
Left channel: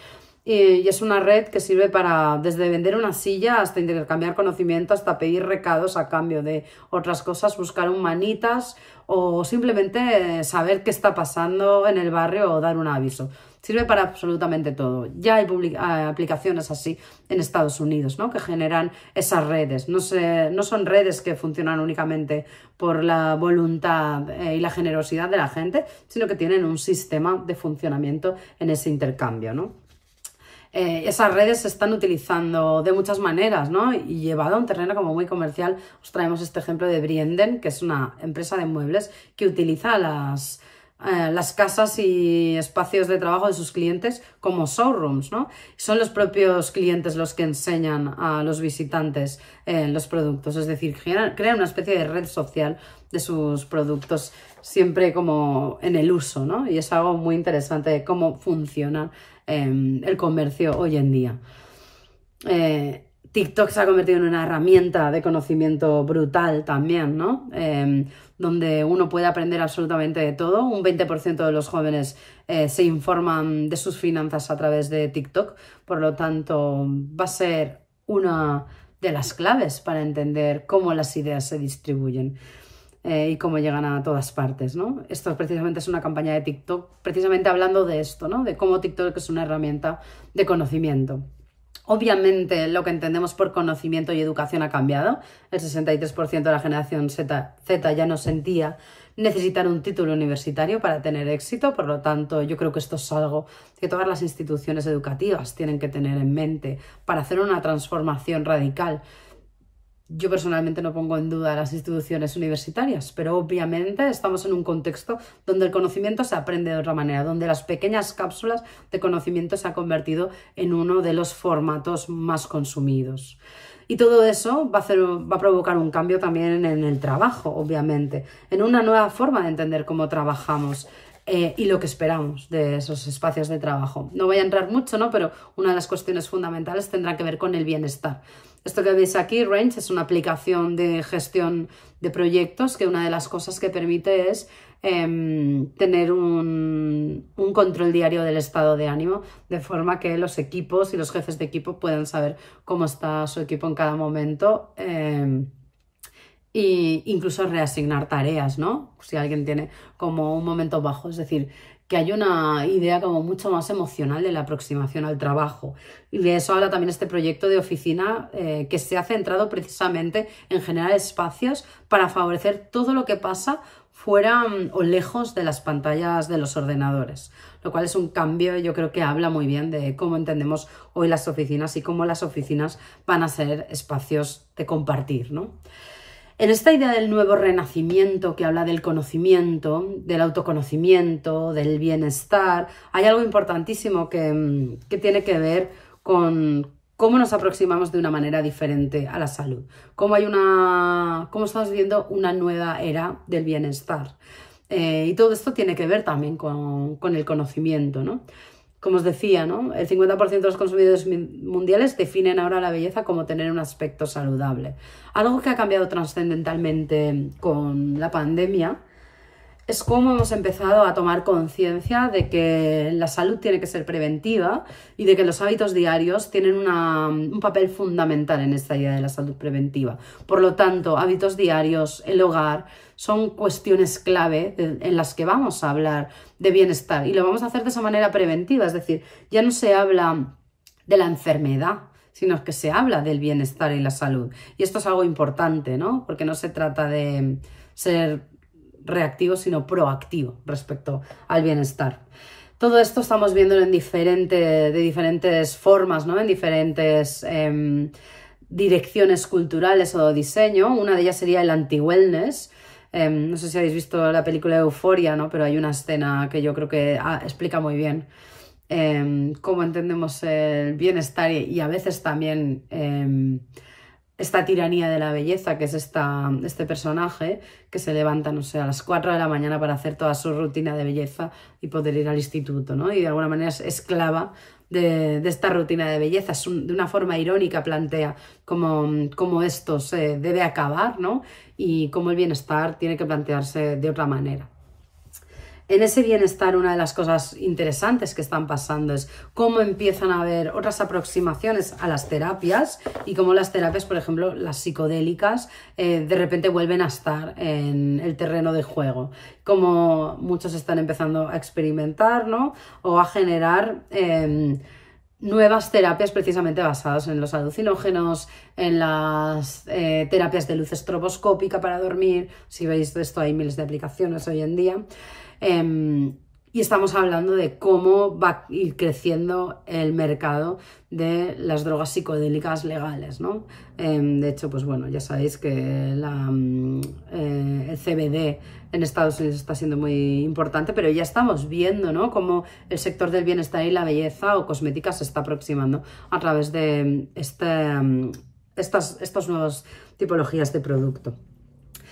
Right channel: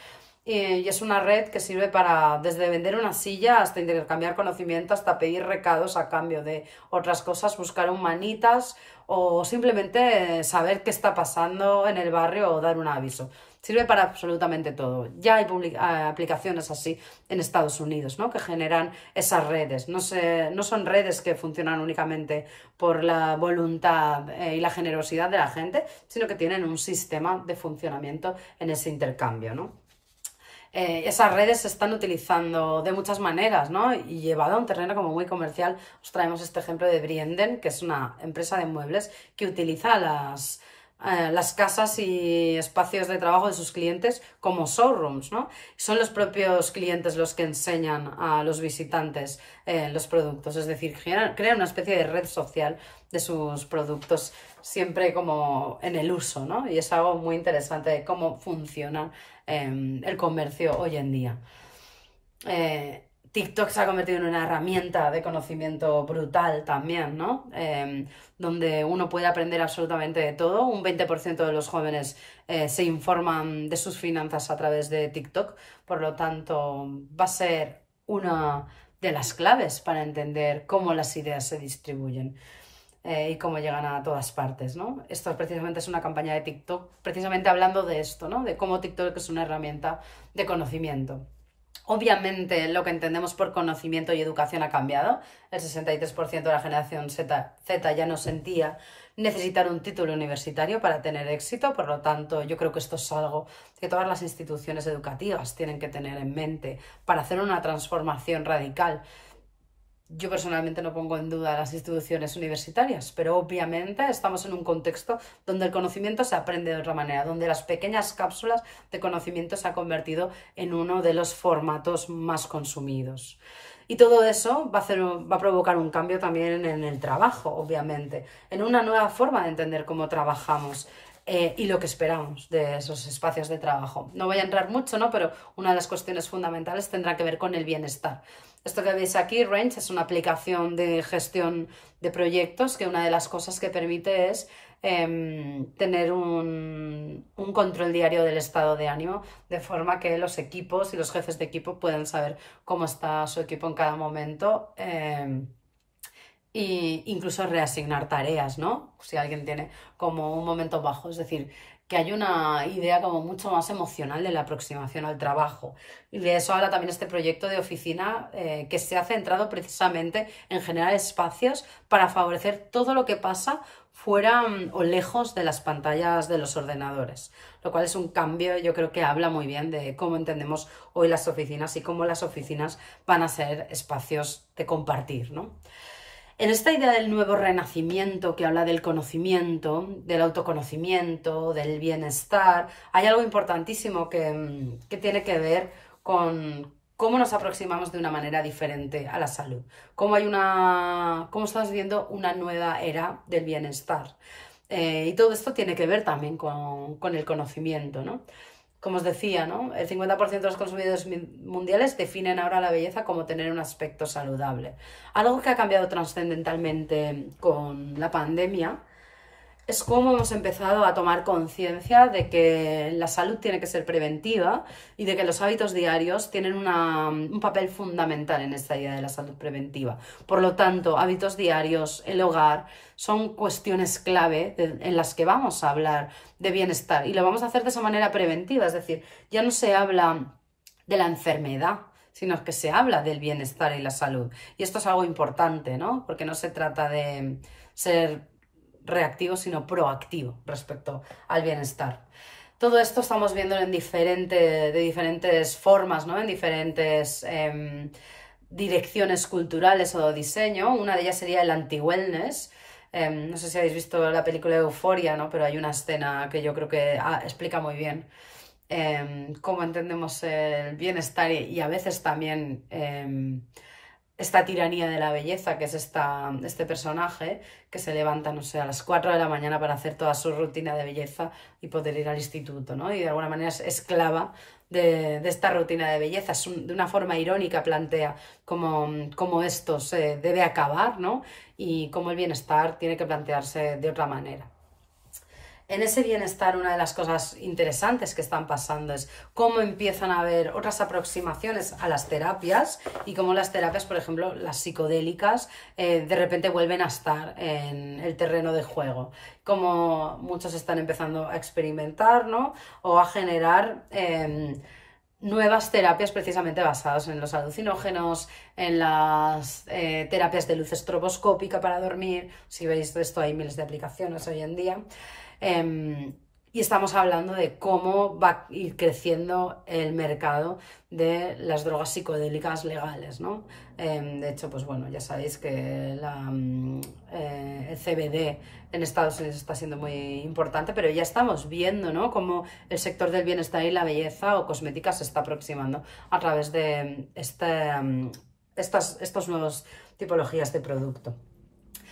Y es una red que sirve para, desde vender una silla hasta intercambiar conocimiento, hasta pedir recados a cambio de otras cosas, buscar humanitas o simplemente saber qué está pasando en el barrio o dar un aviso. Sirve para absolutamente todo. Ya hay aplicaciones así en Estados Unidos, ¿no? Que generan esas redes. No son redes que funcionan únicamente por la voluntad y la generosidad de la gente, sino que tienen un sistema de funcionamiento en ese intercambio, ¿no? Esas redes se están utilizando de muchas maneras, ¿no? Y llevado a un terreno como muy comercial, os traemos este ejemplo de Brienden, que es una empresa de muebles que utiliza las casas y espacios de trabajo de sus clientes como showrooms, ¿no? Son los propios clientes los que enseñan a los visitantes los productos, es decir, crean una especie de red social de sus productos siempre como en el uso, ¿no? Y es algo muy interesante de cómo funciona el comercio hoy en día. TikTok se ha convertido en una herramienta de conocimiento brutal también, ¿no? Donde uno puede aprender absolutamente de todo. Un 20% de los jóvenes se informan de sus finanzas a través de TikTok. Por lo tanto, va a ser una de las claves para entender cómo las ideas se distribuyen y cómo llegan a todas partes, ¿no? Esto precisamente es una campaña de TikTok, precisamente hablando de esto, ¿no? De cómo TikTok es una herramienta de conocimiento. Obviamente lo que entendemos por conocimiento y educación ha cambiado. El 63% de la generación Z ya no sentía necesitar un título universitario para tener éxito. Por lo tanto, yo creo que esto es algo que todas las instituciones educativas tienen que tener en mente para hacer una transformación radical. Yo personalmente no pongo en duda las instituciones universitarias, pero obviamente estamos en un contexto donde el conocimiento se aprende de otra manera, donde las pequeñas cápsulas de conocimiento se han convertido en uno de los formatos más consumidos. Y todo eso va a provocar un cambio también en el trabajo, obviamente, en una nueva forma de entender cómo trabajamos y lo que esperamos de esos espacios de trabajo. No voy a entrar mucho, ¿no? Pero una de las cuestiones fundamentales tendrá que ver con el bienestar. Esto que veis aquí, Range, es una aplicación de gestión de proyectos que una de las cosas que permite es tener un control diario del estado de ánimo, de forma que los equipos y los jefes de equipo puedan saber cómo está su equipo en cada momento e incluso reasignar tareas, ¿no? Si alguien tiene como un momento bajo, es decir, que hay una idea como mucho más emocional de la aproximación al trabajo. Y de eso habla también este proyecto de oficina que se ha centrado precisamente en generar espacios para favorecer todo lo que pasa fuera o lejos de las pantallas de los ordenadores, lo cual es un cambio, yo creo que habla muy bien de cómo entendemos hoy las oficinas y cómo las oficinas van a ser espacios de compartir, ¿no? En esta idea del nuevo renacimiento que habla del conocimiento, del autoconocimiento, del bienestar, hay algo importantísimo que tiene que ver con cómo nos aproximamos de una manera diferente a la salud, cómo estamos viendo una nueva era del bienestar. Y todo esto tiene que ver también con el conocimiento, ¿no? como os decía, ¿no? El 50% de los consumidores mundiales definen ahora la belleza como tener un aspecto saludable. Algo que ha cambiado trascendentalmente con la pandemia es cómo hemos empezado a tomar conciencia de que la salud tiene que ser preventiva y de que los hábitos diarios tienen un papel fundamental en esta idea de la salud preventiva. Por lo tanto, hábitos diarios, el hogar, son cuestiones clave en las que vamos a hablar de bienestar y lo vamos a hacer de esa manera preventiva, es decir, ya no se habla de la enfermedad, sino que se habla del bienestar y la salud. Y esto es algo importante, ¿no? Porque no se trata de ser reactivo, sino proactivo respecto al bienestar. Todo esto estamos viendo de diferentes formas, ¿no? En diferentes direcciones culturales o diseño. Una de ellas sería el anti-wellness. No sé si habéis visto la película Euphoria, ¿no? Pero hay una escena que yo creo que explica muy bien cómo entendemos el bienestar y a veces también esta tiranía de la belleza, que es este personaje que se levanta, no sé, a las 4 de la mañana para hacer toda su rutina de belleza y poder ir al instituto, ¿no? Y de alguna manera es esclava de esta rutina de belleza. De una forma irónica plantea cómo esto se debe acabar, ¿no? Y cómo el bienestar tiene que plantearse de otra manera. En ese bienestar, una de las cosas interesantes que están pasando es cómo empiezan a haber otras aproximaciones a las terapias y cómo las terapias, por ejemplo, las psicodélicas, de repente vuelven a estar en el terreno de juego. Como muchos están empezando a experimentar, ¿no? O a generar nuevas terapias precisamente basadas en los alucinógenos, en las terapias de luz estroboscópica para dormir. Si veis esto, hay miles de aplicaciones hoy en día. Y estamos hablando de cómo va a ir creciendo el mercado de las drogas psicodélicas legales, ¿no? De hecho, pues bueno, ya sabéis que el CBD en Estados Unidos está siendo muy importante, pero ya estamos viendo, ¿no? Cómo el sector del bienestar y la belleza o cosmética se está aproximando a través de estas nuevas tipologías de producto.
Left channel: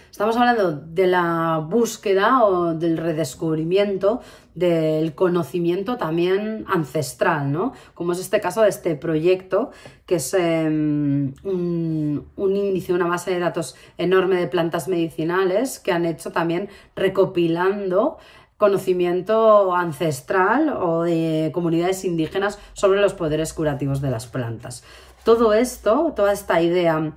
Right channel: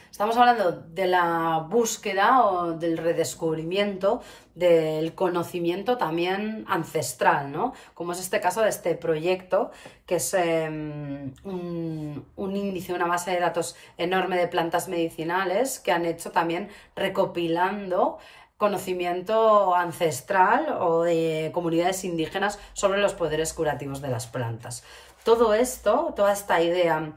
Estamos hablando de la búsqueda o del redescubrimiento del conocimiento también ancestral, ¿no? Como es este caso de este proyecto, que es un índice, una base de datos enorme de plantas medicinales que han hecho también recopilando conocimiento ancestral o de comunidades indígenas sobre los poderes curativos de las plantas. Todo esto, toda esta idea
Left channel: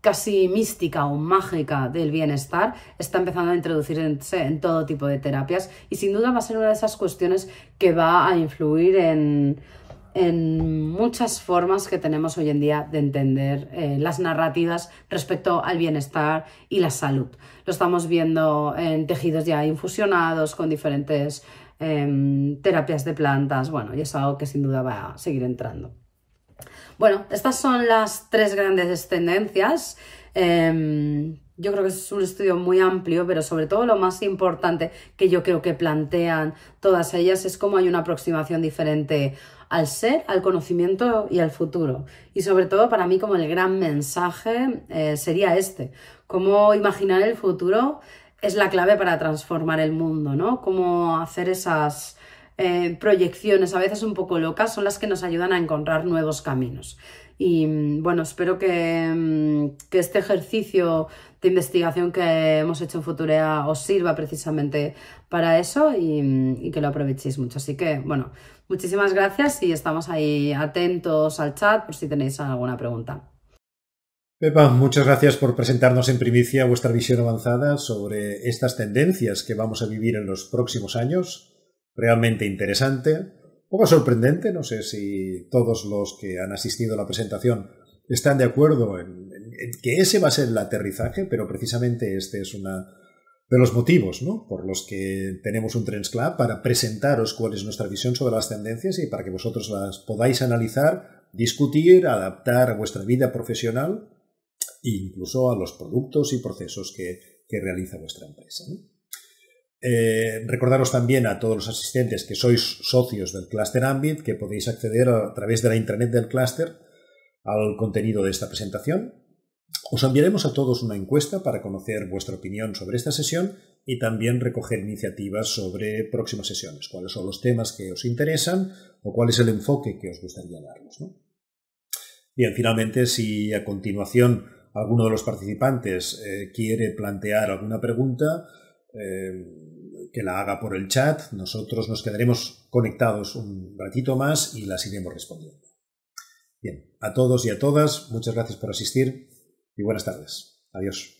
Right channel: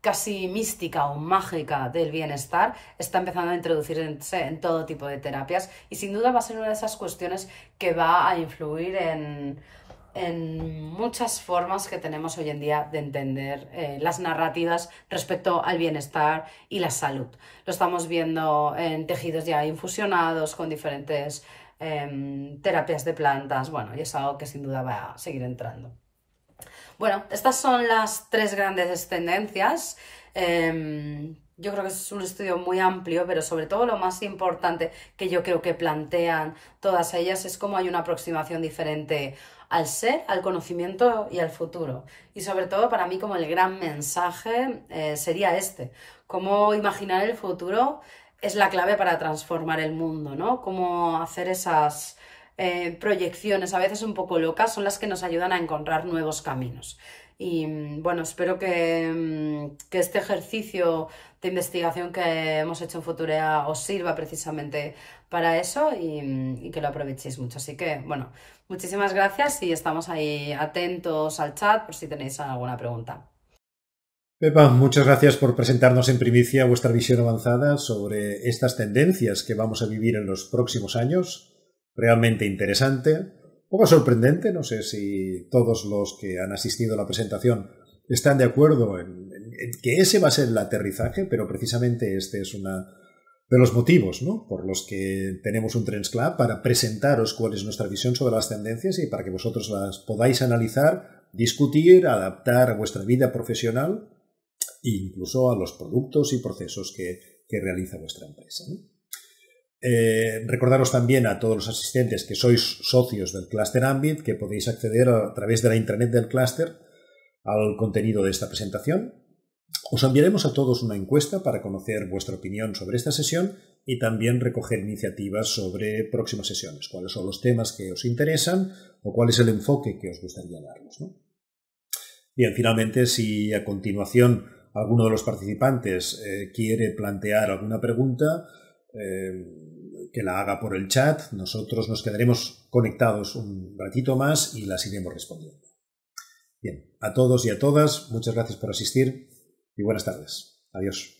casi mística o mágica del bienestar está empezando a introducirse en todo tipo de terapias y sin duda va a ser una de esas cuestiones que va a influir en muchas formas que tenemos hoy en día de entender las narrativas respecto al bienestar y la salud. Lo estamos viendo en tejidos ya infusionados con diferentes terapias de plantas, bueno, y es algo que sin duda va a seguir entrando. Bueno, estas son las tres grandes tendencias. Yo creo que es un estudio muy amplio, pero sobre todo lo más importante que yo creo que plantean todas ellas es cómo hay una aproximación diferente al ser, al conocimiento y al futuro. Y sobre todo para mí como el gran mensaje sería cómo imaginar el futuro es la clave para transformar el mundo, ¿no? Cómo hacer esas proyecciones a veces un poco locas son las que nos ayudan a encontrar nuevos caminos. Y bueno, espero que este ejercicio de investigación que hemos hecho en Futurea os sirva precisamente para eso y que lo aprovechéis mucho. Así que bueno, muchísimas gracias y estamos ahí atentos al chat por si tenéis alguna pregunta. Pepa, muchas gracias por presentarnos en primicia vuestra visión avanzada sobre estas tendencias que vamos a vivir en los próximos años. Realmente interesante, un poco sorprendente, no sé si todos los que han asistido a la presentación están de acuerdo en que ese va a ser el aterrizaje, pero precisamente este es uno de los motivos, ¿no?, por los que tenemos un Trends Club, para presentaros cuál es nuestra visión sobre las tendencias y para que vosotros las podáis analizar, discutir, adaptar a vuestra vida profesional e incluso a los productos y procesos que realiza vuestra empresa, ¿no? Recordaros también a todos los asistentes que sois socios del Cluster Ambit que podéis acceder a través de la intranet del Cluster al contenido de esta presentación. Os enviaremos a todos una encuesta para conocer vuestra opinión sobre esta sesión y también recoger iniciativas sobre próximas sesiones, cuáles son los temas que os interesan o cuál es el enfoque que os gustaría darnos, ¿no? Bien, finalmente, si a continuación alguno de los participantes quiere plantear alguna pregunta, que la haga por el chat. Nosotros nos quedaremos conectados un ratito más y las iremos respondiendo. Bien, a todos y a todas, muchas gracias por asistir y buenas tardes. Adiós.